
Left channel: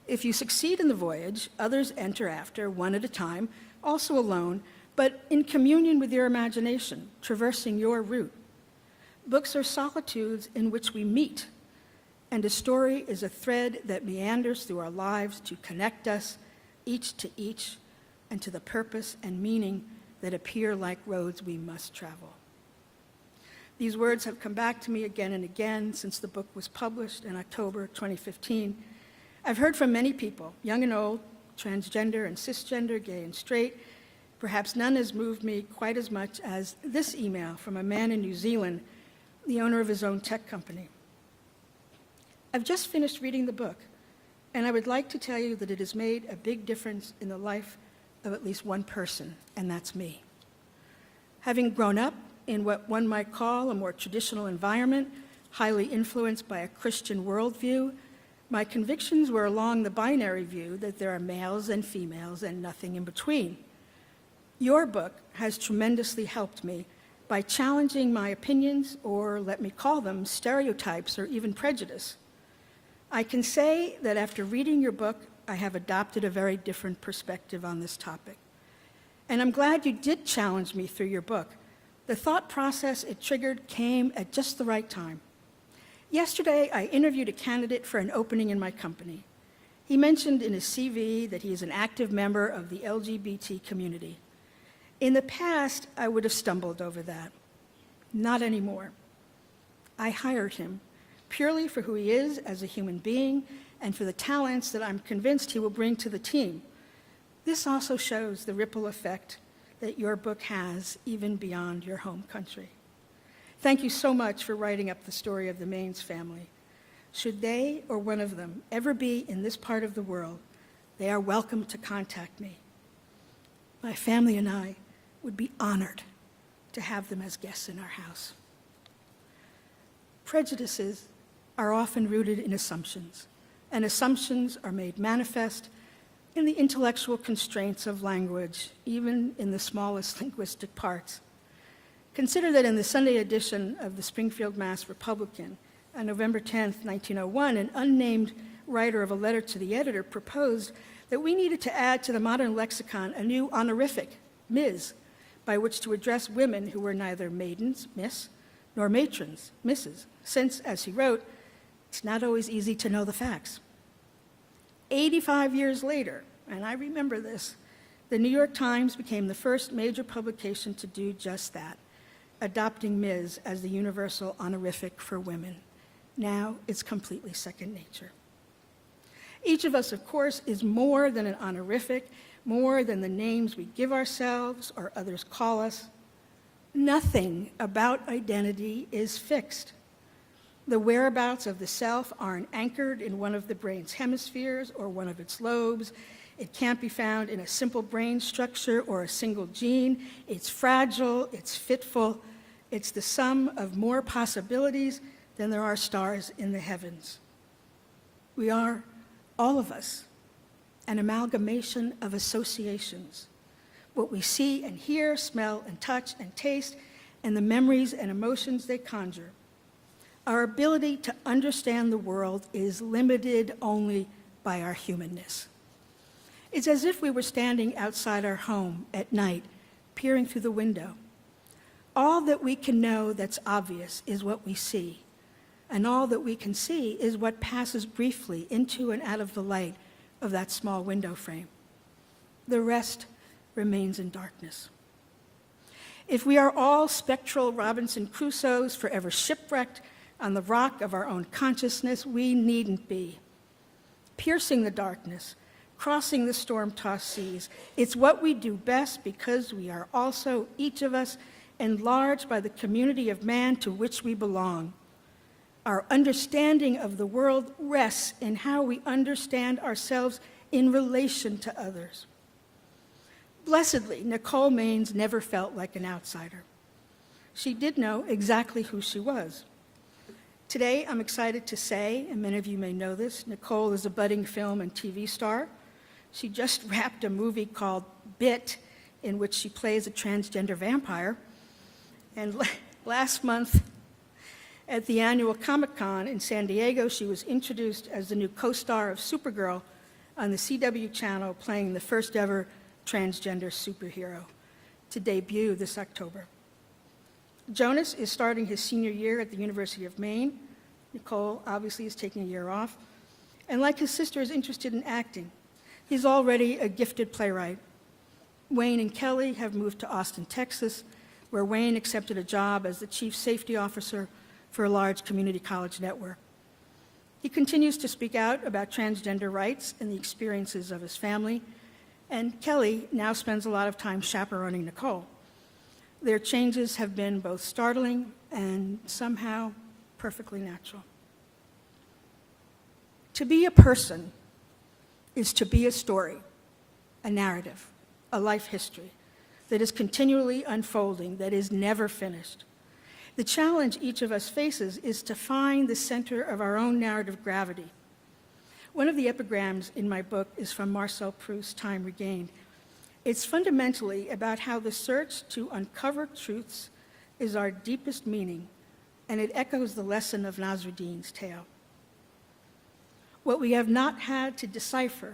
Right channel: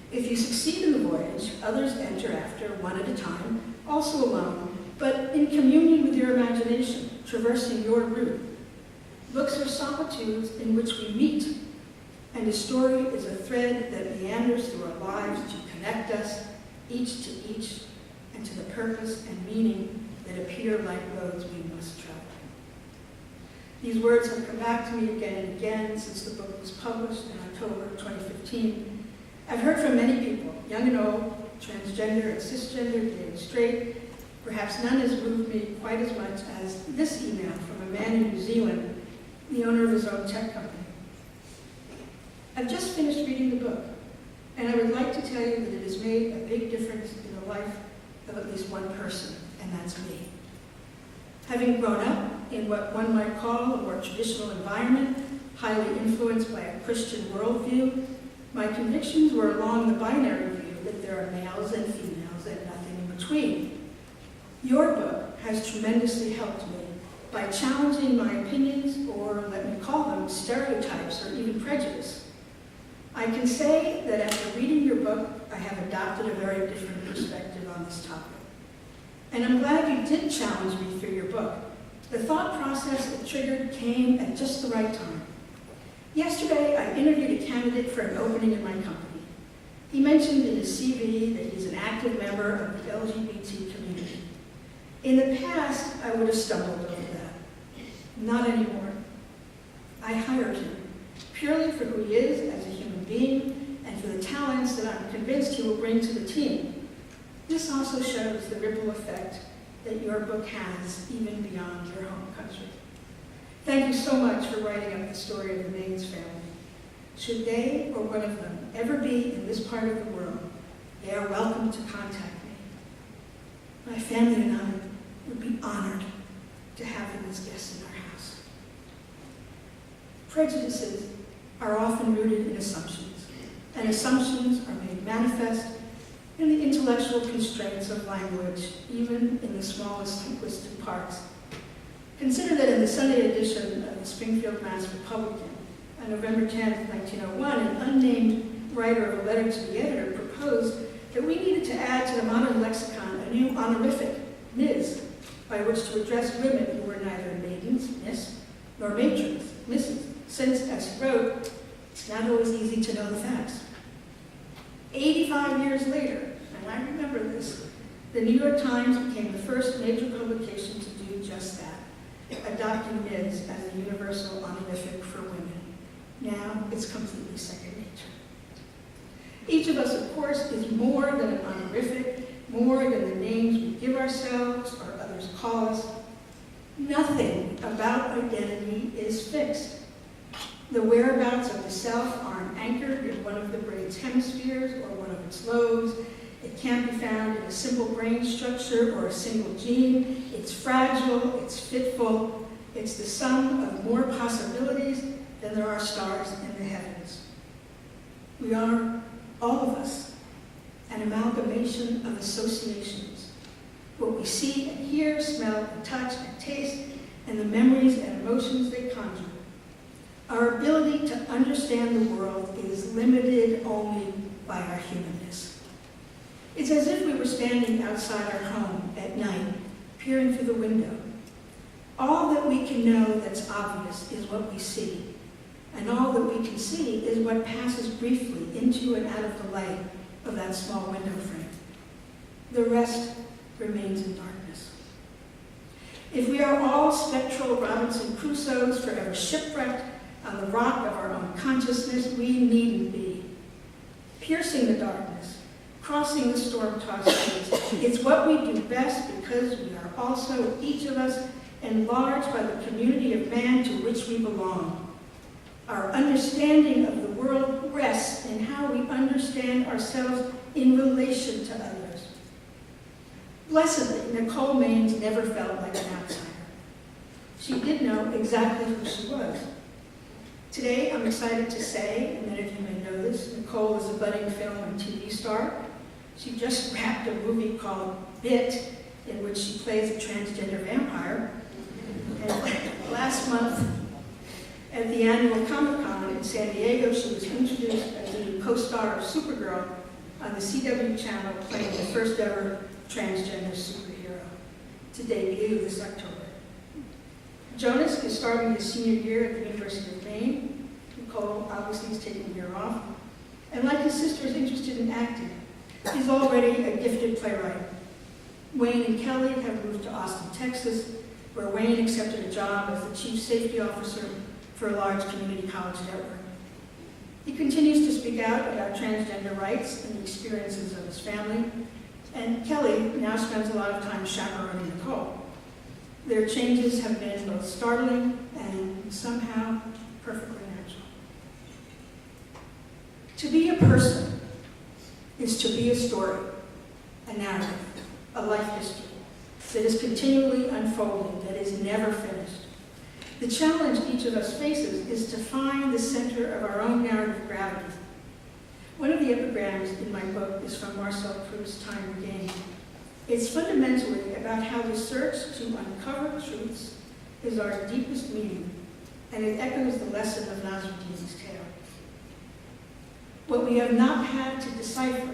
If you succeed in the voyage, others enter after, one at a time, also alone, but in communion with your imagination, traversing your route. Books are solitudes in which we meet, and a story is a thread that meanders through our lives to connect us, each to each, and to the purpose and meaning that appear like roads we must travel." These words have come back to me again and again since the book was published in October 2015. I've heard from many people, young and old, transgender and cisgender, gay and straight. Perhaps none has moved me quite as much as this email from a man in New Zealand, the owner of his own tech company. "I've just finished reading the book, and I would like to tell you that it has made a big difference in the life of at least one person, and that's me. Having grown up in what one might call a more traditional environment, highly influenced by a Christian worldview, my convictions were along the binary view that there are males and females and nothing in between. Your book has tremendously helped me by challenging my opinions, or let me call them stereotypes or even prejudice. I can say that after reading your book, I have adopted a very different perspective on this topic. And I'm glad you did challenge me through your book. The thought process it triggered came at just the right time. Yesterday, I interviewed a candidate for an opening in my company. He mentioned in his CV that he's an active member of the LGBT community. In the past, I would have stumbled over that. Not anymore. I hired him purely for who he is as a human being and for the talents that I'm convinced he will bring to the team. This also shows the ripple effect that your book has even beyond your home country. Thank you so much for writing up the story of the Maines family. Should they or one of them ever be in this part of the world, they are welcome to contact me. My family and I would be honored to have them as guests in our house. Prejudices are often rooted in assumptions, and assumptions are made manifest in the intellectual constraints of language, even in the smallest linguistic parts. Consider that in the Sunday edition of the Springfield Mass Republican, on November 10, 1901, an unnamed writer of a letter to the editor proposed that we needed to add to the modern lexicon a new honorific, Ms., by which to address women who were neither maidens, Miss, nor matrons, Mrs., since, as he wrote, it's not always easy to know the facts. 85 years later, and I remember this, the New York Times became the first major publication to do just that. adopting Ms. as the universal honorific for women. Now it's completely second nature. Each of us, of course, is more than an honorific, more than the names we give ourselves or others call us. Nothing about identity is fixed. The whereabouts of the self aren't anchored in one of the brain's hemispheres or one of its lobes. It can't be found in a simple brain structure or a single gene. It's fragile, it's fitful, it's the sum of more possibilities than there are stars in the heavens. We are, all of us, an amalgamation of associations. What we see and hear, smell and touch and taste, and the memories and emotions they conjure. Our ability to understand the world is limited only by our humanness. It's as if we were standing outside our home at night, peering through the window. All that we can know that's obvious is what we see, and all that we can see is what passes briefly into and out of the light of that small window frame. The rest remains in darkness. If we are all spectral Robinson Crusoes forever shipwrecked on the rock of our own consciousness, we needn't be. Piercing the darkness, crossing the storm-tossed seas, it's what we do best because we are also, each of us, enlarged by the community of man to which we belong. Our understanding of the world rests in how we understand ourselves in relation to others. Blessedly, Nicole Maines never felt like an outsider. She did know exactly who she was. Today, I'm excited to say, and many of you may know this, Nicole is a budding film and TV star. She just wrapped a movie called Bit, in which she plays a transgender vampire. And last month, at the annual Comic-Con in San Diego, she was introduced as the new co-star of Supergirl on the CW channel, playing the first ever transgender superhero, to debut this October. Jonas is starting his senior year at the University of Maine. Nicole obviously is taking a year off. And like his sister, is interested in acting. He's already a gifted playwright. Wayne and Kelly have moved to Austin, Texas, where Wayne accepted a job as the chief safety officer for a large community college network. He continues to speak out about transgender rights and the experiences of his family, and Kelly now spends a lot of time chaperoning Nicole. Their changes have been both startling and somehow perfectly natural. To be a person is to be a story, a narrative, a life history that is continually unfolding, that is never finished. The challenge each of us faces is to find the center of our own narrative gravity. One of the epigrams in my book is from Marcel Proust's Time Regained. It's fundamentally about how the search to uncover truths is our deepest meaning, and it echoes the lesson of Nasruddin's tale. What we have not had to decipher,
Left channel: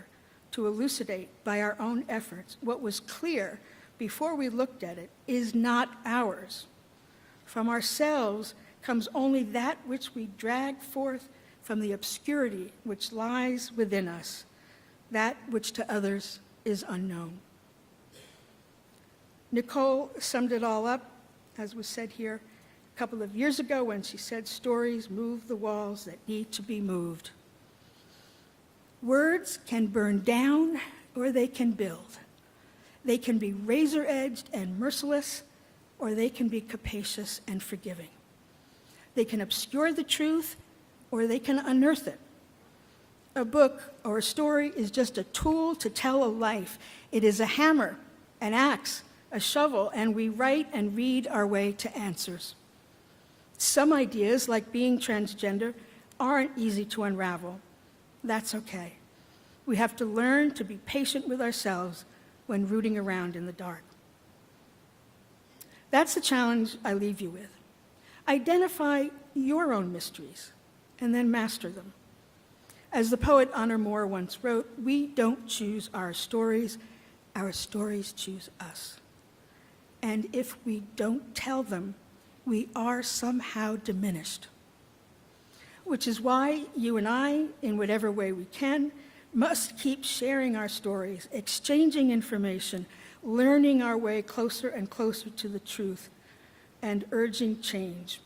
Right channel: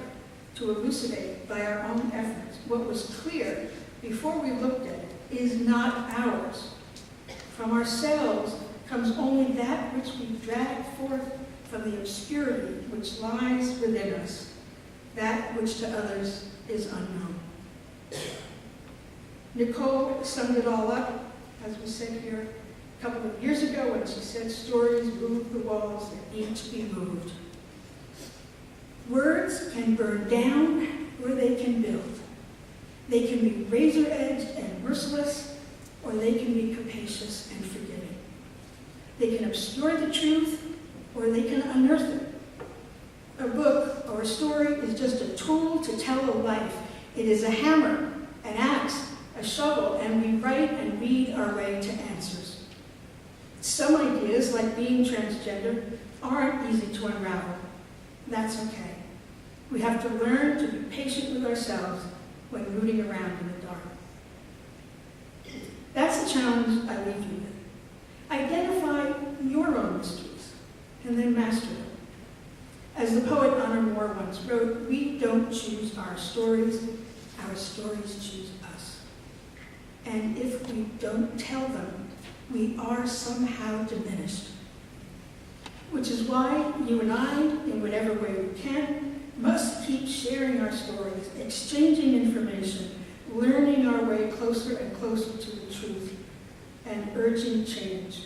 to elucidate by our own efforts, what was clear before we looked at it, is not ours. From ourselves comes only that which we drag forth from the obscurity which lies within us, that which to others is unknown. Nicole summed it all up, as was said here a couple of years ago, when she said stories move the walls that need to be moved. Words can burn down or they can build. They can be razor-edged and merciless, or they can be capacious and forgiving. They can obscure the truth, or they can unearth it. A book or a story is just a tool to tell a life. It is a hammer, an axe, a shovel, and we write and read our way to answers. Some ideas, like being transgender, aren't easy to unravel. That's okay. We have to learn to be patient with ourselves when rooting around in the dark. That's the challenge I leave you with. Identify your own mysteries and then master them. As the poet Honor Moore once wrote, we don't choose our stories choose us. And if we don't tell them, we are somehow diminished. Which is why you and I, in whatever way we can, must keep sharing our stories, exchanging information, learning our way closer and closer to the truth, and urging change.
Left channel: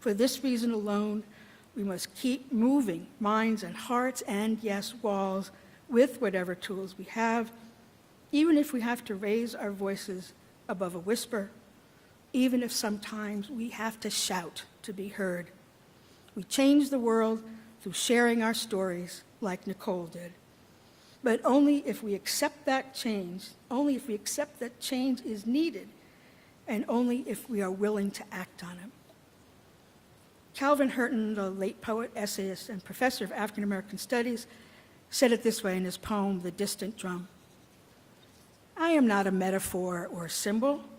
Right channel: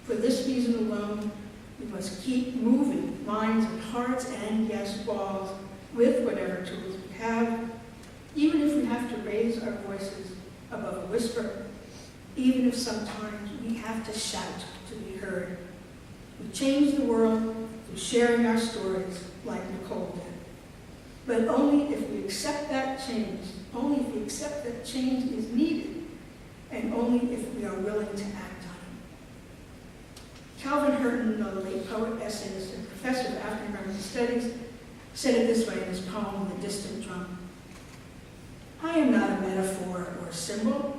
For this reason alone, we must keep moving minds and hearts and, yes, walls with whatever tools we have, even if we have to raise our voices above a whisper, even if sometimes we have to shout to be heard. We change the world through sharing our stories like Nicole did. But only if we accept that change, only if we accept that change is needed, and only if we are willing to act on it. Calvin Hurton, the late poet, essayist, and professor of African American Studies, said it this way in his poem, The Distant Drum. I am not a metaphor or a symbol.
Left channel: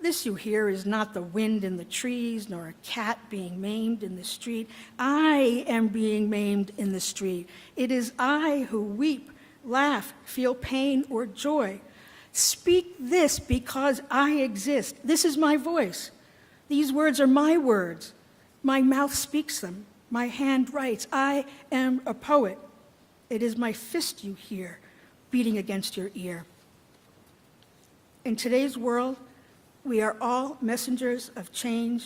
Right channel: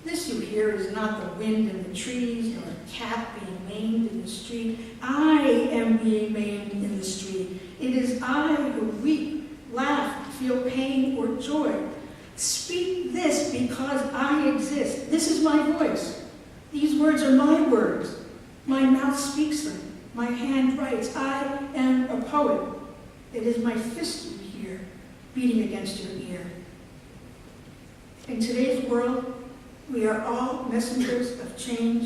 This you hear is not the wind in the trees, nor a cat being maimed in the street. I am being maimed in the street. It is I who weep, laugh, feel pain or joy. Speak this because I exist. This is my voice. These words are my words. My mouth speaks them. My hand writes. I am a poet. It is my fist you hear beating against your ear. In today's world, we are all messengers of change,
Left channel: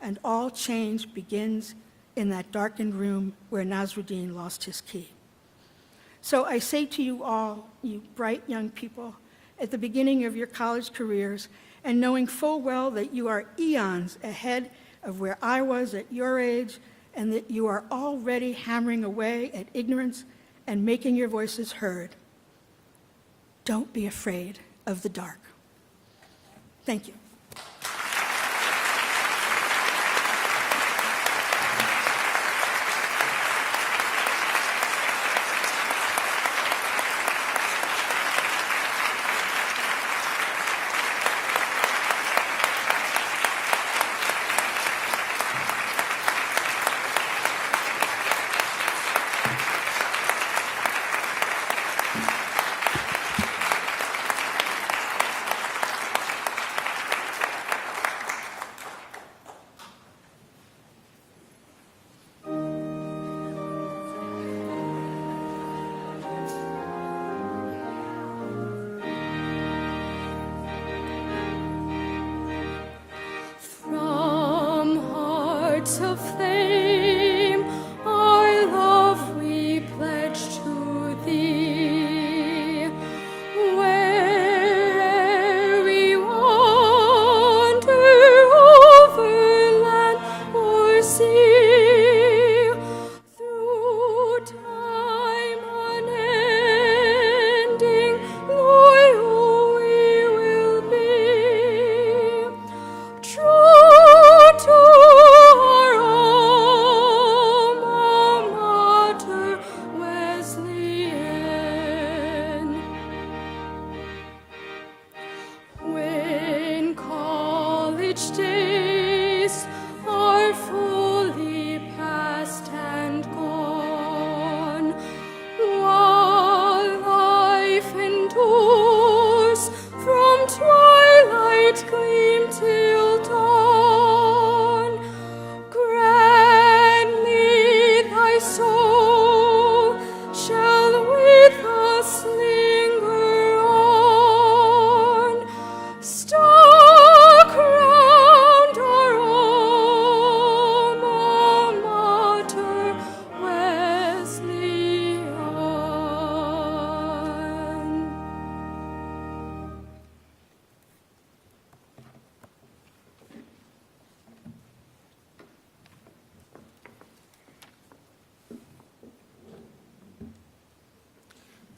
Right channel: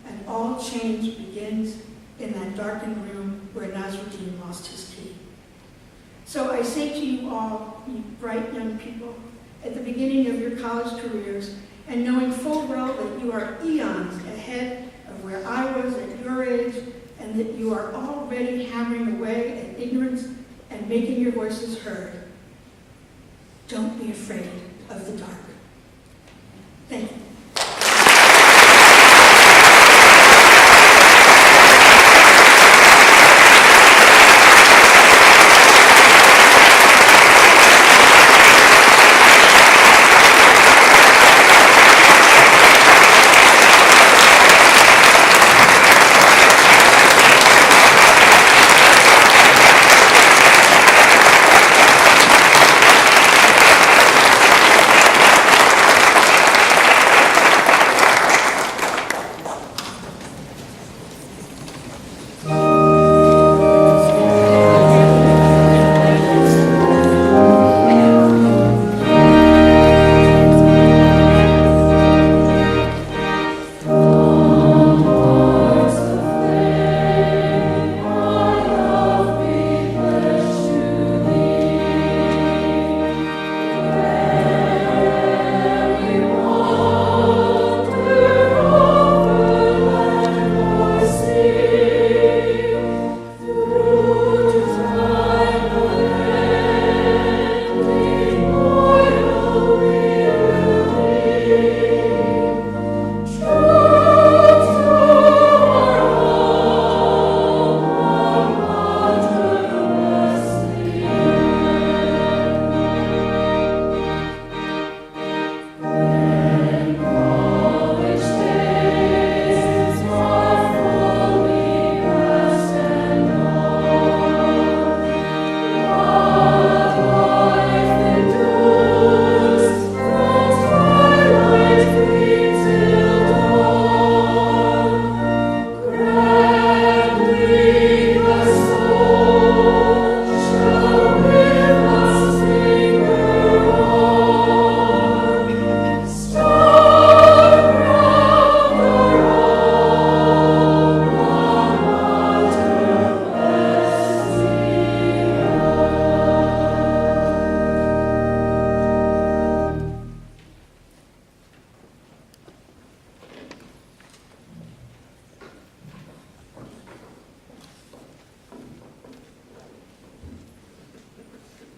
and all change begins in that darkened room where Nasruddin lost his key. So I say to you all, you bright young people, at the beginning of your college careers, and knowing full well that you are eons ahead of where I was at your age, and that you are already hammering away at ignorance and making your voices heard, don't be afraid of the dark. Thank you.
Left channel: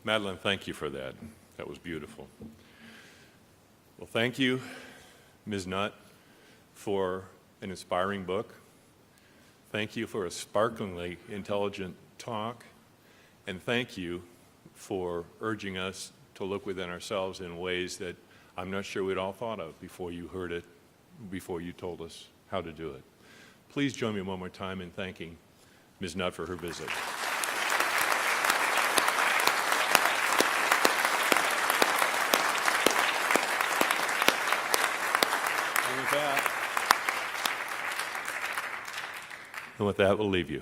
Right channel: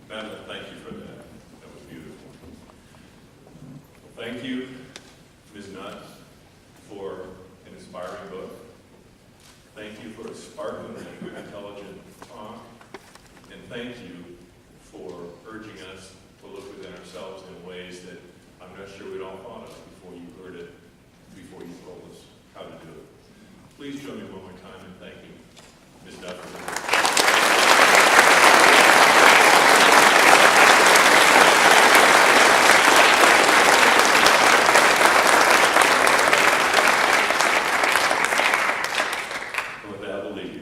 Madeline, thank you for that. That was beautiful. Well, thank you, Ms. Nutt, for an inspiring book. Thank you for a sparklingly intelligent talk. And thank you for urging us to look within ourselves in ways that I'm not sure we'd all thought of before you heard it, before you told us how to do it. Please join me one more time in thanking Ms. Nutt for her visit. And with that, we'll leave you.